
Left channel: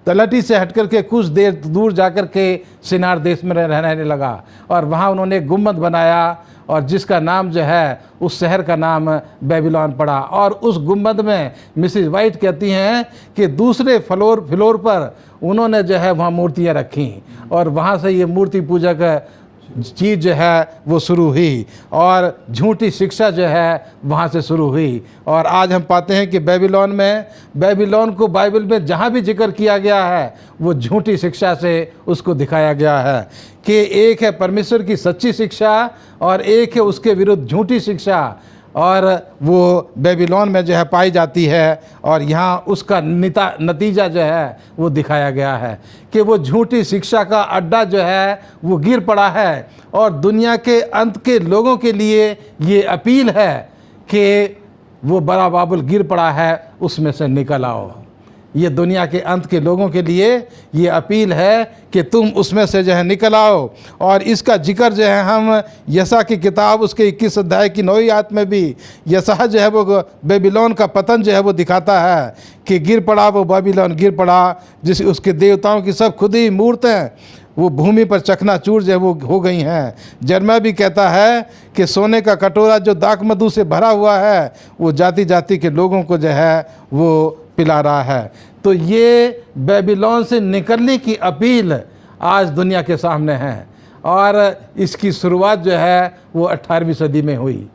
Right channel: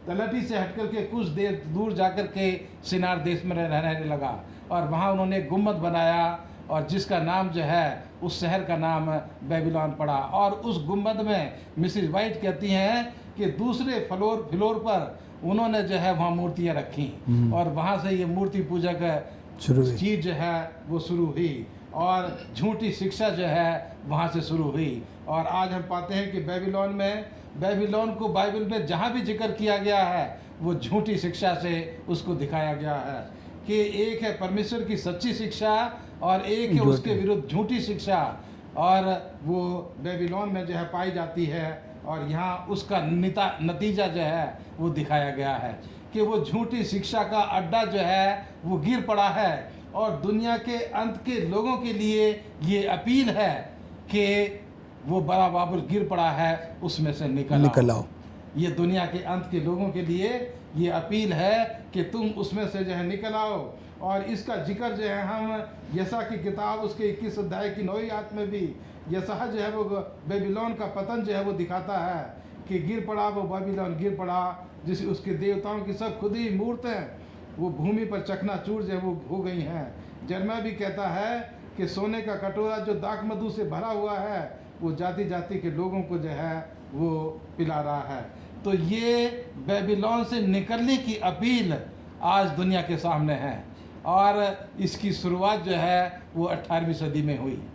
तलहटी से हट करके कुछ देर दूर जाकर के शिनार देश में रहने लगा और वहाँ उन्होंने एक गुम्बद बनाया और जिसका नाम जो है उस शहर का नाम बेबीलोन पड़ा। और उस गुम्बद में मिसिज वाइट कहती हैं कि दूसरे फ्लोर पर उन्होंने जो है वहाँ मूर्तियाँ रखी और वहाँ से ये मूर्ति पूजक चीज़ जो है वो शुरू हुई और झूठी शिक्षा जो है वहाँ से शुरू हुई। और आज हम पाते हैं कि बेबीलोन को बाइबल में जहाँ भी जिक्र किया गया है वो झूठी शिक्षा से उसको दिखाया गया है कि एक है परमेश्वर की सच्ची शिक्षा और एक है उसके विरुद्ध झूठी शिक्षा, और वो बेबीलोन में जो है पाई जाती है। और यहाँ उसका नतीजा जो है वो दिखाया गया है कि वो झूठी शिक्षा का अड्डा जो है वो गिर पड़ा है। और दुनिया के अंत के लोगों के लिए ये अपील है कि वो बड़ा बाबुल गिर पड़ा है, उसमें से निकल आओ। ये दुनिया के अंत के लोगों के लिए ये अपील है कि तुम उसमें से जो है निकल आओ। और इसका जिक्र जो है हम यशा की किताब उसके 21 अध्याय की 9वीं आयत में भी यशा जो है वो बेबीलोन का पतन जो है वो दिखाता है कि गिर पड़ा वो बेबीलोन, गिर पड़ा जिस उसके देवताओं की सब खुद ही मूर्तें वो भूमि पर चकनाचूर जो है वो हो गई हैं। जर्मा भी कहता है कि सोने का कटोरा जो दाख मधु से भरा हुआ है वो जाति जाति के लोगों को जो है वो पिला रहा है। तो ये बेबीलोन से निकलने की अपील आज दुनिया के सामने है और इसकी शुरुआत जो है वो 18वीं सदी में हुई,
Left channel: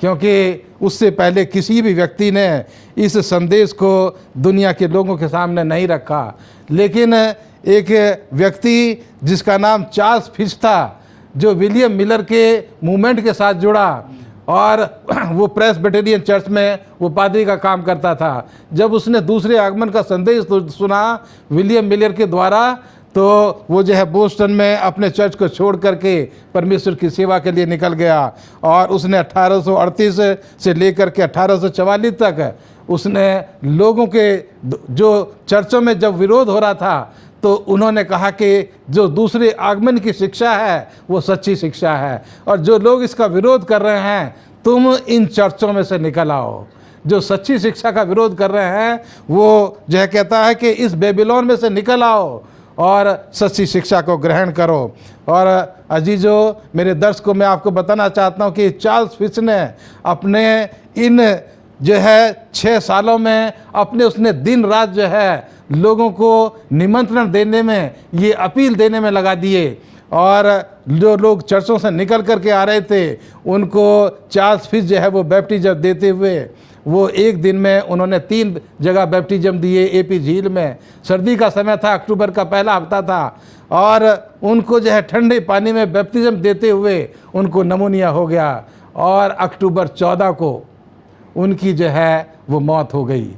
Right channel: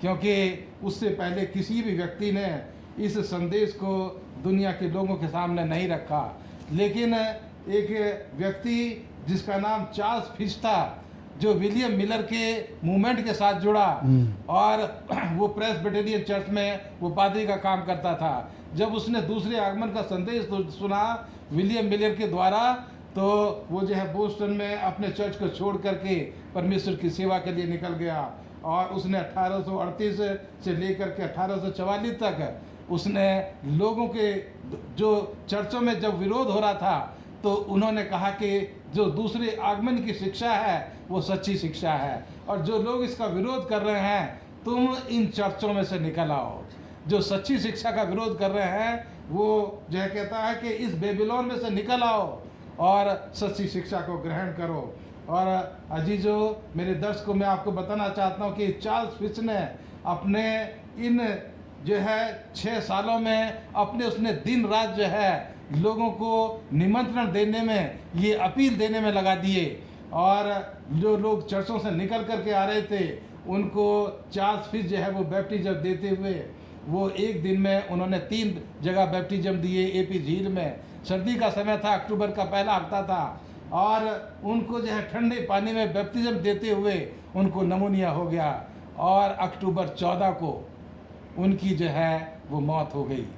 क्योंकि उससे पहले किसी भी व्यक्ति ने इस संदेश को दुनिया के लोगों के सामने नहीं रखा। लेकिन एक व्यक्ति जिसका नाम चार्ल्स फिश था, जो विलियम मिलर के मूवमेंट के साथ जुड़ा और वो प्रेस्बिटेरियन चर्च में वो पादरी का काम करता था, जब उसने दूसरे आगमन का संदेश सुना विलियम मिलर के द्वारा, तो वो जो है बोस्टन में अपने चर्च को छोड़ करके परमेश्वर की सेवा के लिए निकल गया। और उसने 1838 से लेकर के 1844 तक उसने लोगों के जो चर्चों में जब विरोध हो रहा था तो उन्होंने कहा कि जो दूसरे आगमन की शिक्षा है वो सच्ची शिक्षा है और जो लोग इसका विरोध कर रहे हैं तुम इन चर्चों में से निकल आओ। जो सच्ची शिक्षा का विरोध कर रहे हैं वो जो है कहता है कि इस बेबीलोन में से निकल आओ और सच्ची शिक्षा को ग्रहण करो। और अजीजों, मेरे दर्शकों, मैं आपको बताना चाहता हूँ कि चार्ल्स फिश ने अपने इन जो है 6 सालों में अपने उसने दिन रात जो है लोगों को निमंत्रण देने में, ये अपील देने में लगा दिए। और जो लोग चर्चों से निकल करके आ रहे थे उनको चार्ल्स फिश जो है वो बैप्टिज्म देते हुए वो एक दिन में उन्होंने 3 जगह बैप्टिज्म दिए। एपी झील में, सर्दी का समय था, अक्टूबर का पहला हफ्ता था, और उनको जो है ठंडे पानी में बैप्टिज्म देते हुए उनको नमूनिया हो गया और अक्टूबर 14 को उनकी जो है वो मौत हो गई।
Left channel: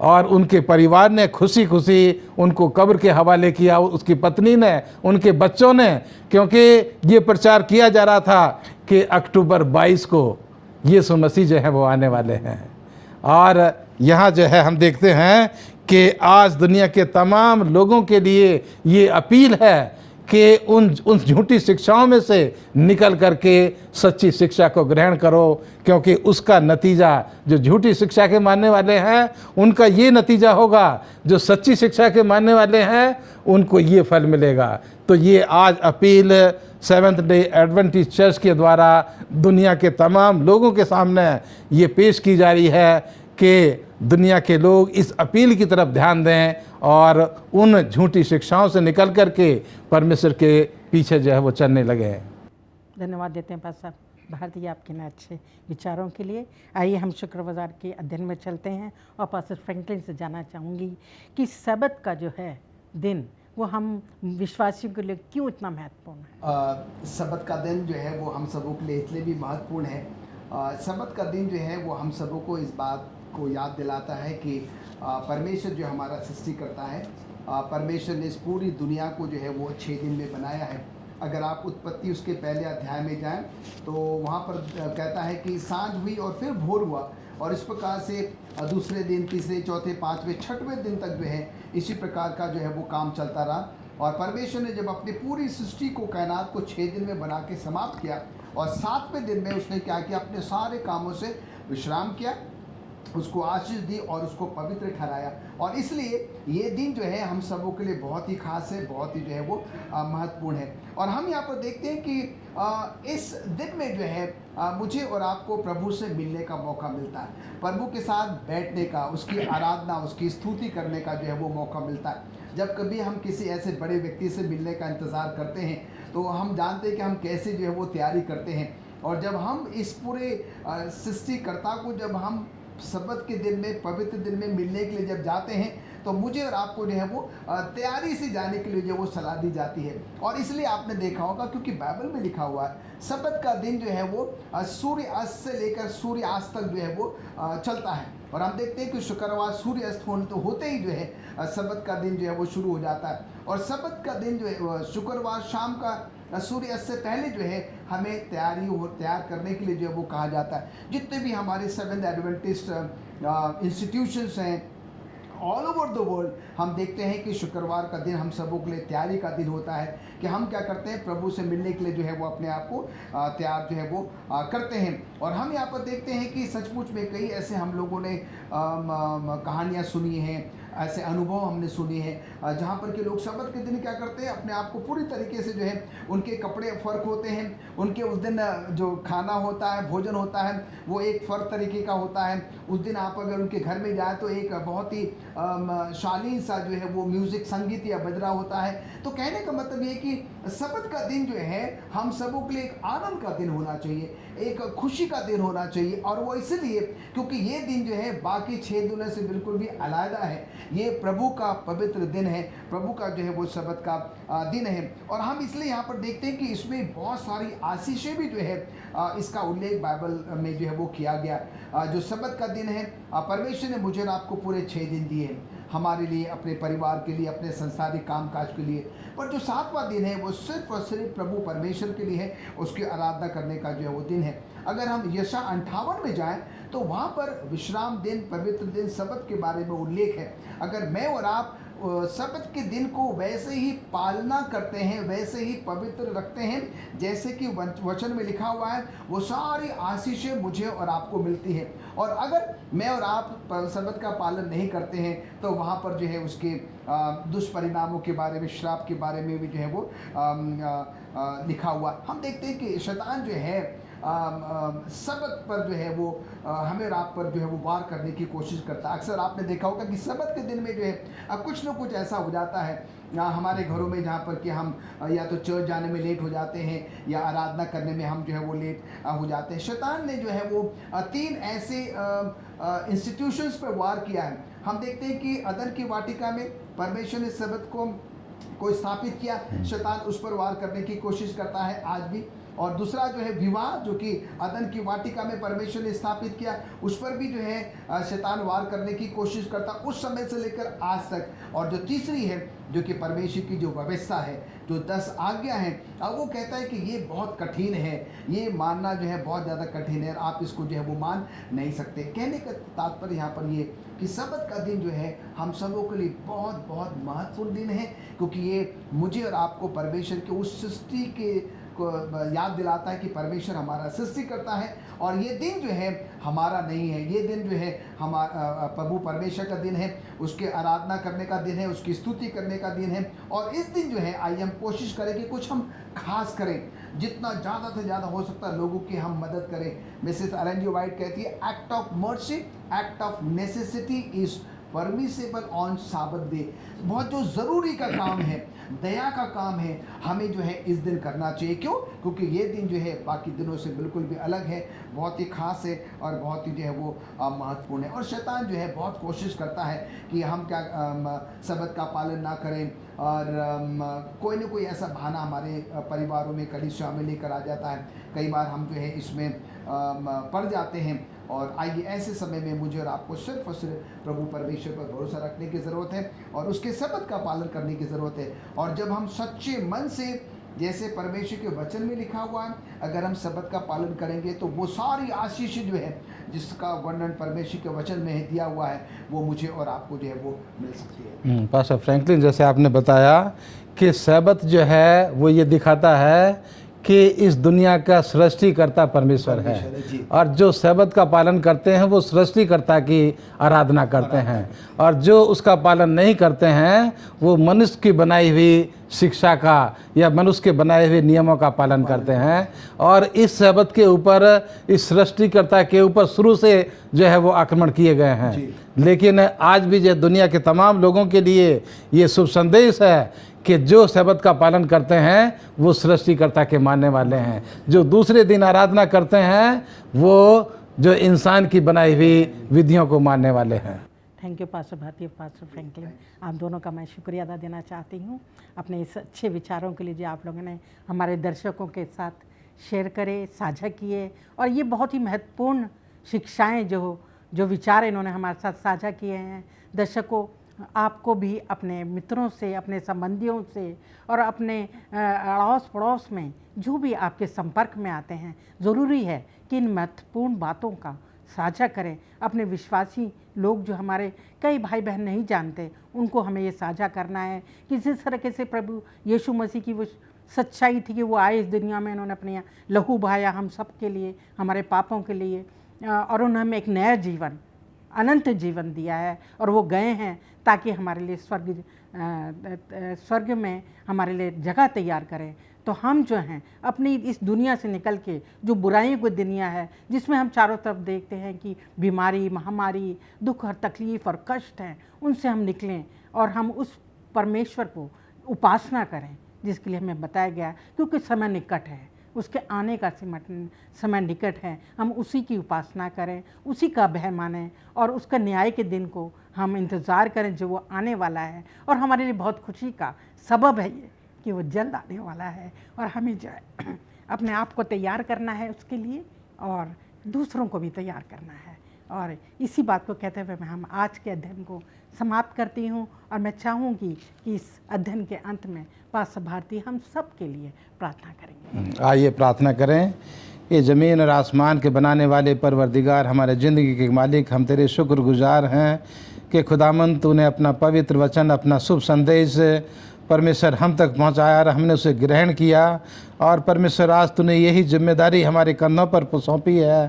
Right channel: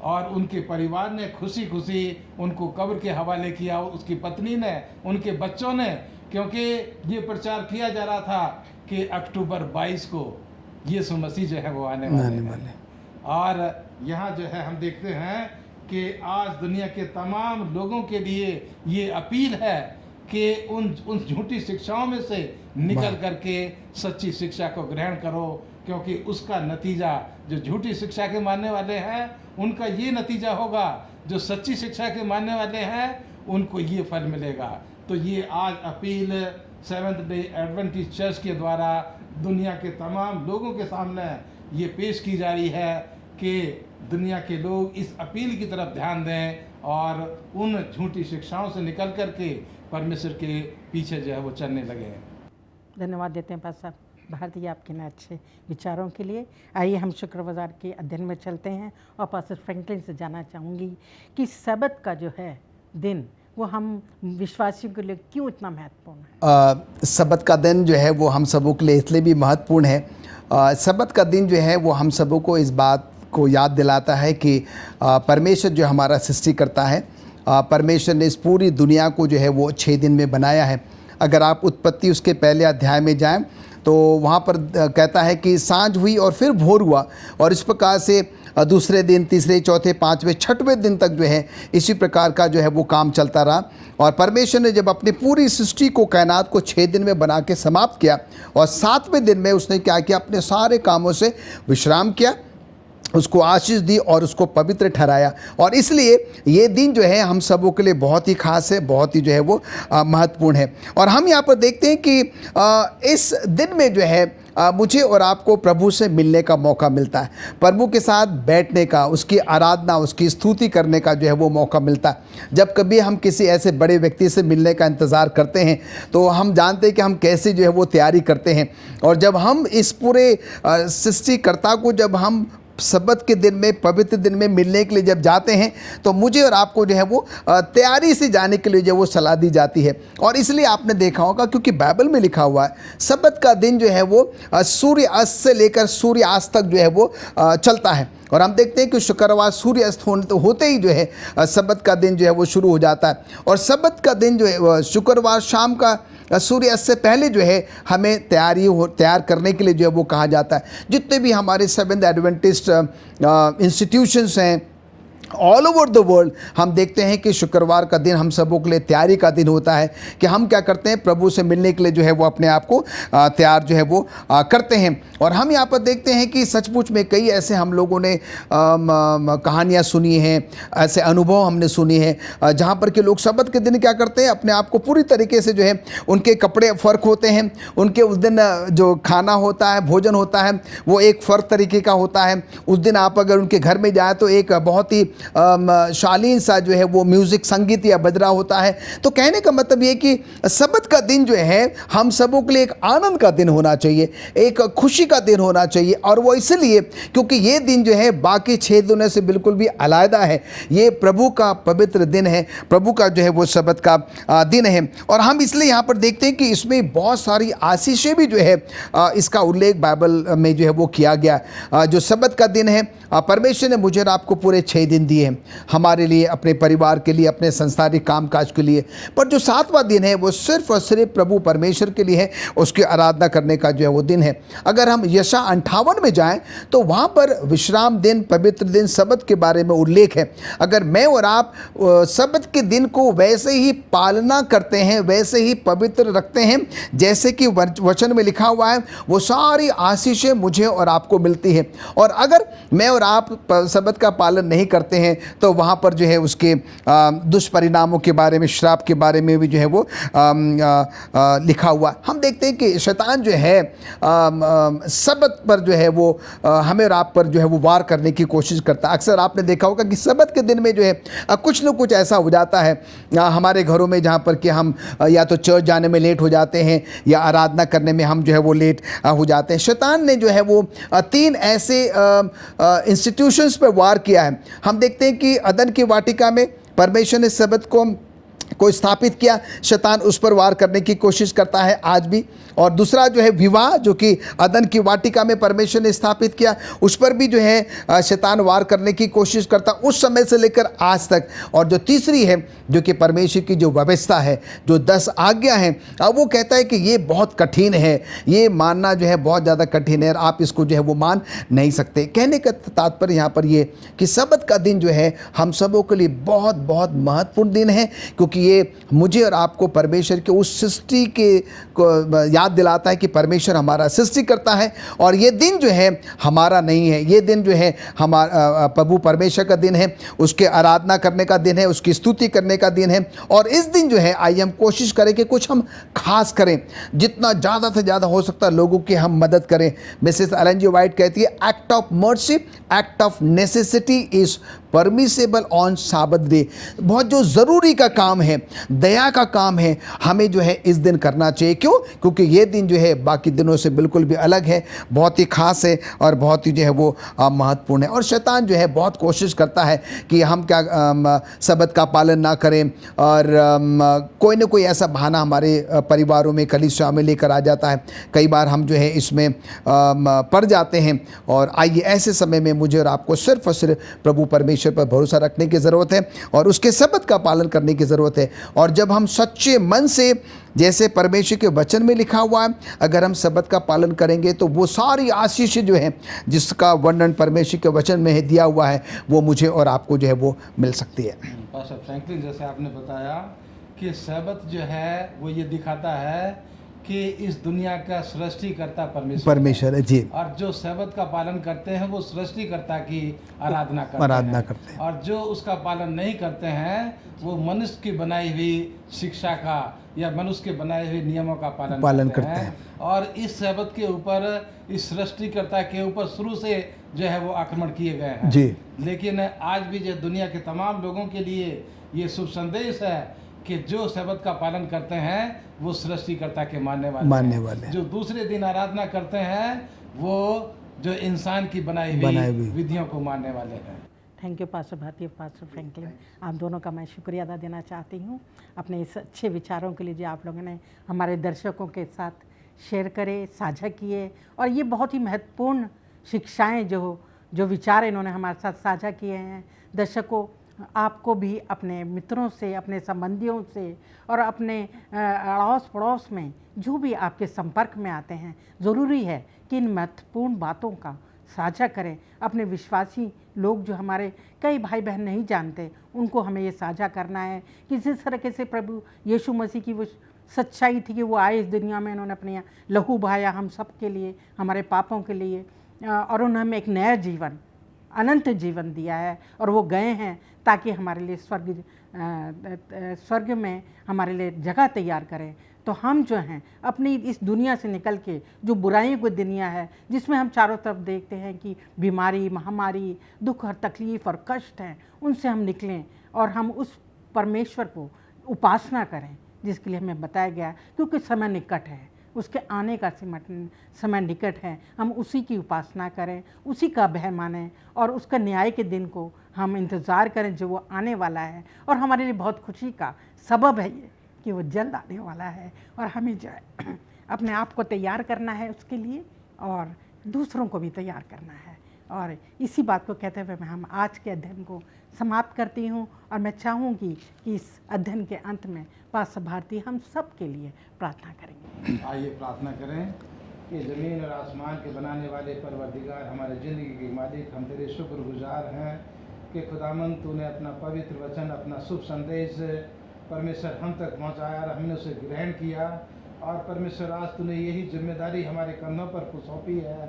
और उनके परिवार ने खुशी खुशी उनको कब्र के हवाले किया, उसकी पत्नी ने, उनके बच्चों ने, क्योंकि ये प्रचार किया जा रहा था कि अक्टूबर 22 को यीशु मसीह जो है वो आने वाले हैं। और यहाँ जो है हम देखते हैं कि आज दुनिया के तमाम लोगों के लिए ये अपील है कि उन झूठी शिक्षाओं में से निकल करके सच्ची शिक्षा को ग्रहण करो, क्योंकि उसका नतीजा, जो झूठी शिक्षा के मानने वाले हैं उनका ये नतीजा होगा, जो सच्ची शिक्षा के मानने वाले हैं उनको ये फल मिलेगा। तो ये आज appeal seventh day Adventist church के द्वारा दुनिया के तमाम लोगों के सामने ये पेश की जा रही है कि दुनिया के लोग इस अपील की तरफ ध्यान दें और उन झूठी शिक्षाओं से निकल करके परमेश्वर के पीछे जो है वो चलने लगे। धन्यवाद देते हैं पास्टर भारती आपके न अच्छे विचारों के लिए। आइए हम शुक्रवार के अध्ययन में चलते हैं और पास्टर फ्रैंकलिन से जानना चाहूँगी कि सबत का जो है दिन वो हम विश्वासियों के लिए क्यों इतना महत्वपूर्ण है? सबत का दिन जो है वो हम सबों के लिए इसलिए भी महत्वपूर्ण है। सबत का दिन जो है वो हम सबों को इस बात को याद दिलाता है कि परमेश्वर जो हमारा सृष्टि करता है, परमेश्वर ने इस पूरी दुनिया को जो है वो 6 दिन में बनाया है। अगर आप उत्पत्ति उसके पहले अध्याय में जाएं तो वहाँ पर कहता है कि सांझ हुई और फिर भोर हुआ, और इस प्रकार से दूसरे दिन, तीसरे, चौथे, पाँचवें, छठवें दिन तक जो है इसी प्रकार का जो है वो काम चलता रहा। और परमेश्वर ने जब अपनी पूरी सृष्टि को, कायनात को 6 दिन में बना के समाप्त किया, और 7वें दिन में उसने क्या किया, अपने सारे कामों से विश्राम किया, उसको आशीष दी और उसको पवित्र ठहराया। और इसलिए ये दिन जो है हम सबों के लिए बहुत ही खास है, बहुत ही जो है वो महत्वपूर्ण है। और हम यहाँ पर देखते हैं कि इस दिन में जो है मुझे और आपको प्रभु से मिलने का मौका मिलता है, प्रभु के साथ बैठने का, उसकी आराधना, उसकी स्तुति करने का जो है वो मौका मिलता है। जब कभी हम किसी ऐसे बड़े व्यक्ति से मिलने का इंतज़ार करते हैं तो हम जानते हैं कि हम कैसे जो है वो तैयारी करते हैं। और जब हम इस पूरे सृष्टिकर्ता को, जब हम सबत के दिन में, पवित्र दिन में मिलने के लिए जब जाते हैं तो मुझे और आपको जो है वो तैयारी से जाने के लिए जो वो सलाह दी जाती है। और इसलिए आपने देखा होगा, क्योंकि बाइबल में लिखा हुआ है सबत का दिन जो है वो सूर्य अस्त से लेकर सूर्य अस्त तक जो है वो चलता है। और हम देखते हैं कि शुक्रवार सूर्य अस्त होते ही जो है सबत का दिन जो है वो शुरू हो जाता है। और सबत का दिन जो है शुक्रवार शाम का सूर्यास्त से पहले जो है हमें तैयार करने के लिए जो है वो कहा जाता है। जितने भी हमारे सेवेंथ एडवेंटिस्ट इंस्टीट्यूशंस हैं ऑल ओवर द वर्ल्ड, हम देखते हैं कि शुक्रवार का दिन हम सबों के लिए तैयारी का दिन होता है कि हम क्या करते हैं, प्रभु से मिलने के लिए जो है वो अपने आप को तैयार जो है वो करते हैं। और हम यहाँ पर देखते हैं कि सचमुच में कई ऐसे हम लोगों ने कहानियाँ सुनी हैं, ऐसे अनुभव हमने सुनी हैं जहाँ पर कि लोग सबत के दिन क्या करते हैं, अपने आप को पूरी तरीके से जो है, उनके कपड़े फ़र्क होते हैं, उनके उस दिन जो खाना होता है, भोजन होता है, वो एक फ़र्क तरीके का होता है। उस दिन आप अगर उनके घर में जाए तो एक बहुत ही शालीन सा जो है वो म्यूज़िक, संगीत या बज रहा होता है। तो कहने का मतलब ये कि सबत का दिन जो है हम सबों के लिए एक आनंद का दिन होना चाहिए, एक खुशी का दिन होना चाहिए। और वो इसलिए क्योंकि ये दिन जो है बाकी 6 दिनों से बिल्कुल भी अलग है। ये प्रभु का पवित्र दिन है, प्रभु का जो है वो सबत का दिन है। और हम इसलिए यहाँ पर देखते हैं कि इसमें बहुत सारी आशीषें भी जो है इसका उल्लेख बाइबल में जो है वो किया गया। जो सबत का दिन है, परमेश्वर ने मुझे और आपको पूरे 6 दिन दिए हैं हमारे लिए, अपने परिवार के लिए, अपने संसारिक कामकाज के लिए। पर जो 7वां दिन है वो सिर्फ और सिर्फ प्रभु परमेश्वर के लिए है, उसकी आराधना करने का जो है वो दिन है। अगर हम यशा 58 में जाएं तो वहाँ पर विश्राम दिन, पवित्र दिन, सबत के बारे में उल्लेख है। अगर मैं और आप सबत के दिन को वैसे ही पालना करते हैं, वैसे ही पवित्र रखते हैं जैसे कि वचन में लिखा हुआ है, वो सारी आशीषें मुझे और आपको मिलती है। और अगर मैं और आप सबत का पालन नहीं करते हैं तो वहाँ पर जो है उसके दुष्परिणामों के बारे में, श्राप के बारे में भी जो है वो लिखा हुआ। हम देखते हैं कि शैतान जो है सबत पर जो है वो हमें और आप पर जो है वो वार करने की कोशिश करता है। अक्सर आपने देखा होगा कि सबत के दिन में जो है कुछ न कुछ ऐसा हो जाता है हमारे घरों में, जहाँ पर कि हम या तो चर्च जाने में लेट हो जाते हैं या आराधना करने में हम जो है वो लेट हो जाते हैं। शैतान ने जो है वो 3 ऐसे इंस्टीट्यूशंस पर वार किया है। हम देखते हैं कि अदन की वाटिका में परमेश्वर ने सबत को स्थापित किया, शैतान उस पर वार करने की कोशिश करता है आज भी। और दूसरा जो है विवाह, जो कि अदन की वाटिका में परमेश्वर ने स्थापित किया, उस पर भी जो है शैतान वार करने की कोशिश करता उस समय से लेकर आज तक। और जो तीसरी है, जो कि परमेश्वर की जो व्यवस्था है, जो 10 आज्ञा हैं, अब वो कहता है कि ये बहुत कठिन है, ये मानना जो है बहुत ज़्यादा कठिन है, और आप इसको जो है वो मान नहीं सकते। कहने का तात्पर्य यहाँ पर ये कि सबत का दिन जो है हम सबों के लिए बहुत बहुत महत्वपूर्ण दिन है, क्योंकि ये मुझे और आपको परमेश्वर के उस सृष्टि के याद दिलाता है कि परमेश्वर हमारा सृष्टि करता है। और ये दिन जो है हमारा नहीं है, ये दिन जो है हमारा प्रभु परमेश्वर का दिन है, उसके आराधना करने का दिन है, उसकी स्तुति करने का दिन है। और इस दिन जो है आइए हम कोशिश करें कि कुछ हम खास करें, जितना ज़्यादा से ज़्यादा हो सकता है लोगों की हम मदद करें। मिसेस एलन जी वाइट कहती है, act of mercy, act of necessity is permissible on साबत डे, बहुत जो ज़रूरी का काम है, दया का काम है, हमें जो है इस दिन करना चाहिए। क्यों? क्योंकि ये दिन जो है बाकी दिनों से बिल्कुल भी अलग है, बहुत ही ख़ास है और बहुत ही जो है वो महत्वपूर्ण है। और शैतान जो है बहुत कोशिश करता है कि हम क्या सबत का पालन ना करें, और कोई ना कोई ऐसा बहाना हमारे परिवारों में कलीसिया में लेकर आ जाता है। कई बार हम जो है इसमें पड़ जाते हैं। और आइए ऐसे समय में मुझे और आपको सिर्फ और सिर्फ प्रभु परमेश्वर पर भरोसा रखने की ज़रूरत है और उसके शब्द का पालन करने की ज़रूरत है। और जब हम सच्चे मन से, जैसे परमेश्वर के वचन में लिखा हुआ है, अगर हम शब्द का पालन करेंगे तो वो सारी आशीष जो है जिसका वर्णन परमेश्वर के वचन में दिया हुआ है, वो मुझे और आपको जो है वो मिल सकती है। पास्टर फ्रैंकलिन, जैसे आपने बताया कि सब्त जो है वो ये दिखाता है कि इस दुनिया का सृष्टिकर्ता परमेश्वर है जी। और जो सब्त का पालन करते हैं वो सृष्टिकर्ता की आराधना करते हैं। और जो उसका पालन नहीं करते हैं वो मनुष्य की बनाई हुई शिक्षा का या मनुष्य के बनाए हुए नियमों का पालन करते हैं। और इस सब्त के ऊपर, इस सृष्टिकर्ता के ऊपर शुरू से जो है वो आक्रमण किए गए हैं जी। लेकिन आज भी जो दुनिया के तमाम लोगों के लिए ये शुभ संदेश है कि जो सब्त का पालन करते हैं वो सृष्टिकर्ता के मानने वाले हैं। जो दूसरे दिन आराधना करते हैं वो जो इंसान की बनाई हुई विधियों को मानने वाले हैं। Thank you pastor Bharti, pastor Franklin, आप दोनों का मैं शुक्रिया अदा देना चाहती हूँ अपने इस अच्छे विचारों के लिए जो आप लोगों ने हमारे दर्शकों के साथ शेयर करे, साझा किए। और ये बहुत ही महत्वपूर्ण शिक्षाएं जो विचार इन्होंने हमारे साथ साझा किए हैं। दर्शकों, आपको भी अपने मित्रों से, अपने संबंधियों से और अपने अड़ोस पड़ोस में जो भी आपके संपर्क में आते हैं, ज़रूरी है कि इन महत्वपूर्ण बातों का साझा करें। अपने विश्वासी लोग जो हमारे कई भाई बहन नहीं जानते, उनको हमें ये साझा करना है कि जिस तरीके से प्रभु यीशु मसीह की वो सच्चाई थी कि वो आए इस दुनिया में, उन्होंने अपने लहू बहाया हम सब के लिए, हमारे पापों के लिए, और उन्होंने हमें एक नया जीवन, अनंत जीवन दिया है। और वो गए हैं ताकि हमारे लिए स्वर्ग में हमारे लिए जगह तैयार करें। तो हम जो हैं अपनी इस दुनिया से निकल के, जो बुराइयों की दुनिया है जिसमें हम चारों तरफ देखते हैं कि बीमारी, महामारी, दुख और तकलीफ़ और कष्ट हैं, उनसे हम निकलें और हम उस परमेश्वर को उपासना करें जिसके लिए हमें बताया गया, क्योंकि समय निकट है, उसके आने का समय निकट है। हम उसी की उपासना करें, उसी का भय मानें और उसका न्याय के दिन को हम इंतज़ार करें जो वो आने वाला है। और हमारे लिए बहुत खुशी का सबब है ये कि वो जल्द आने वाला है। और हमें जो है अपने आप को तैयार करना है उसके लिए और दूसरों को भी तैयार करना है। और इसी बात को कहते हुए मैं हम आज के अध्ययन को समाप्त करती हूँ। और मैं चाहूँगी कि इस अध्ययन के अंत में पास्टर भारती हम सब के लिए प्रार्थना करेंगे। आइए प्रार्थना करें। ये ज़मीन और आसमान के बनाने वाले परवरदिगार, हमारे ज़िंदगी के मालिक, हम तेरे शुक्रगुजार हैं कि खुदामंद तूने अपना पवित्र वचन, अपना शुभ संदेश परमेश्वर हम तक पहुंचाया और हमने उसे ग्रहण किया। और परमेश्वर आज तूने यही जिम्मेदारी हमारे कंधों पर सौंपी है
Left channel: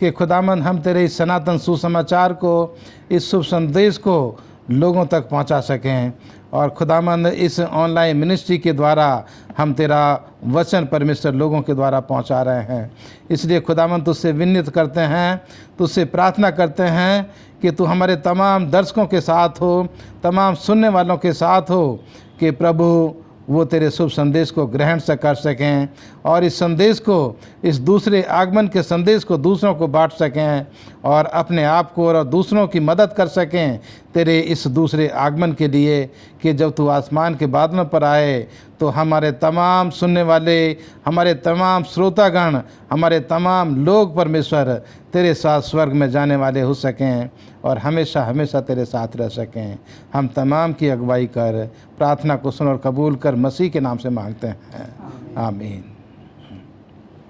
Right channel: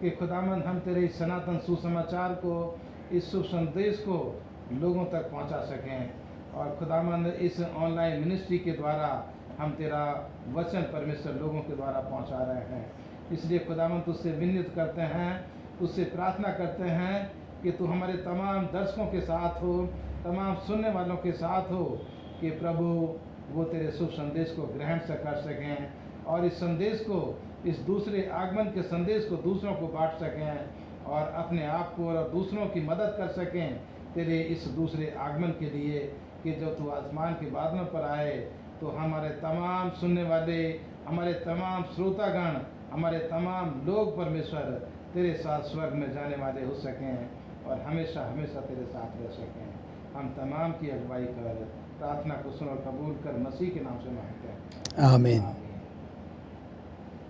कि खुदामंद हम तेरे इस सनातन सुसमाचार को, इस शुभ संदेश को लोगों तक पहुंचा सकें। और खुदामंद इस ऑनलाइन मिनिस्ट्री के द्वारा हम तेरा वचन परमेश्वर लोगों के द्वारा पहुंचा रहे हैं। इसलिए खुदामंद तुझसे विनती करते हैं, तुझसे प्रार्थना करते हैं कि तू हमारे तमाम दर्शकों के साथ हो, तमाम सुनने वालों के साथ हो, कि प्रभु वो तेरे शुभ संदेश को ग्रहण से कर सकें और इस संदेश को, इस दूसरे आगमन के संदेश को दूसरों को बांट सकें और अपने आप को और दूसरों की मदद कर सकें तेरे इस दूसरे आगमन के लिए, कि जब तू आसमान के बादलों पर आए तो हमारे तमाम सुनने वाले, हमारे तमाम श्रोतागण, हमारे तमाम लोग परमेश्वर तेरे साथ स्वर्ग में जाने वाले हो सकें और हमेशा हमेशा तेरे साथ रह सकें। हम तमाम की अगुवाई कर, प्रार्थना को सुन और कबूल कर, मसीह के नाम से मांगते हैं। आमीन। आमीन।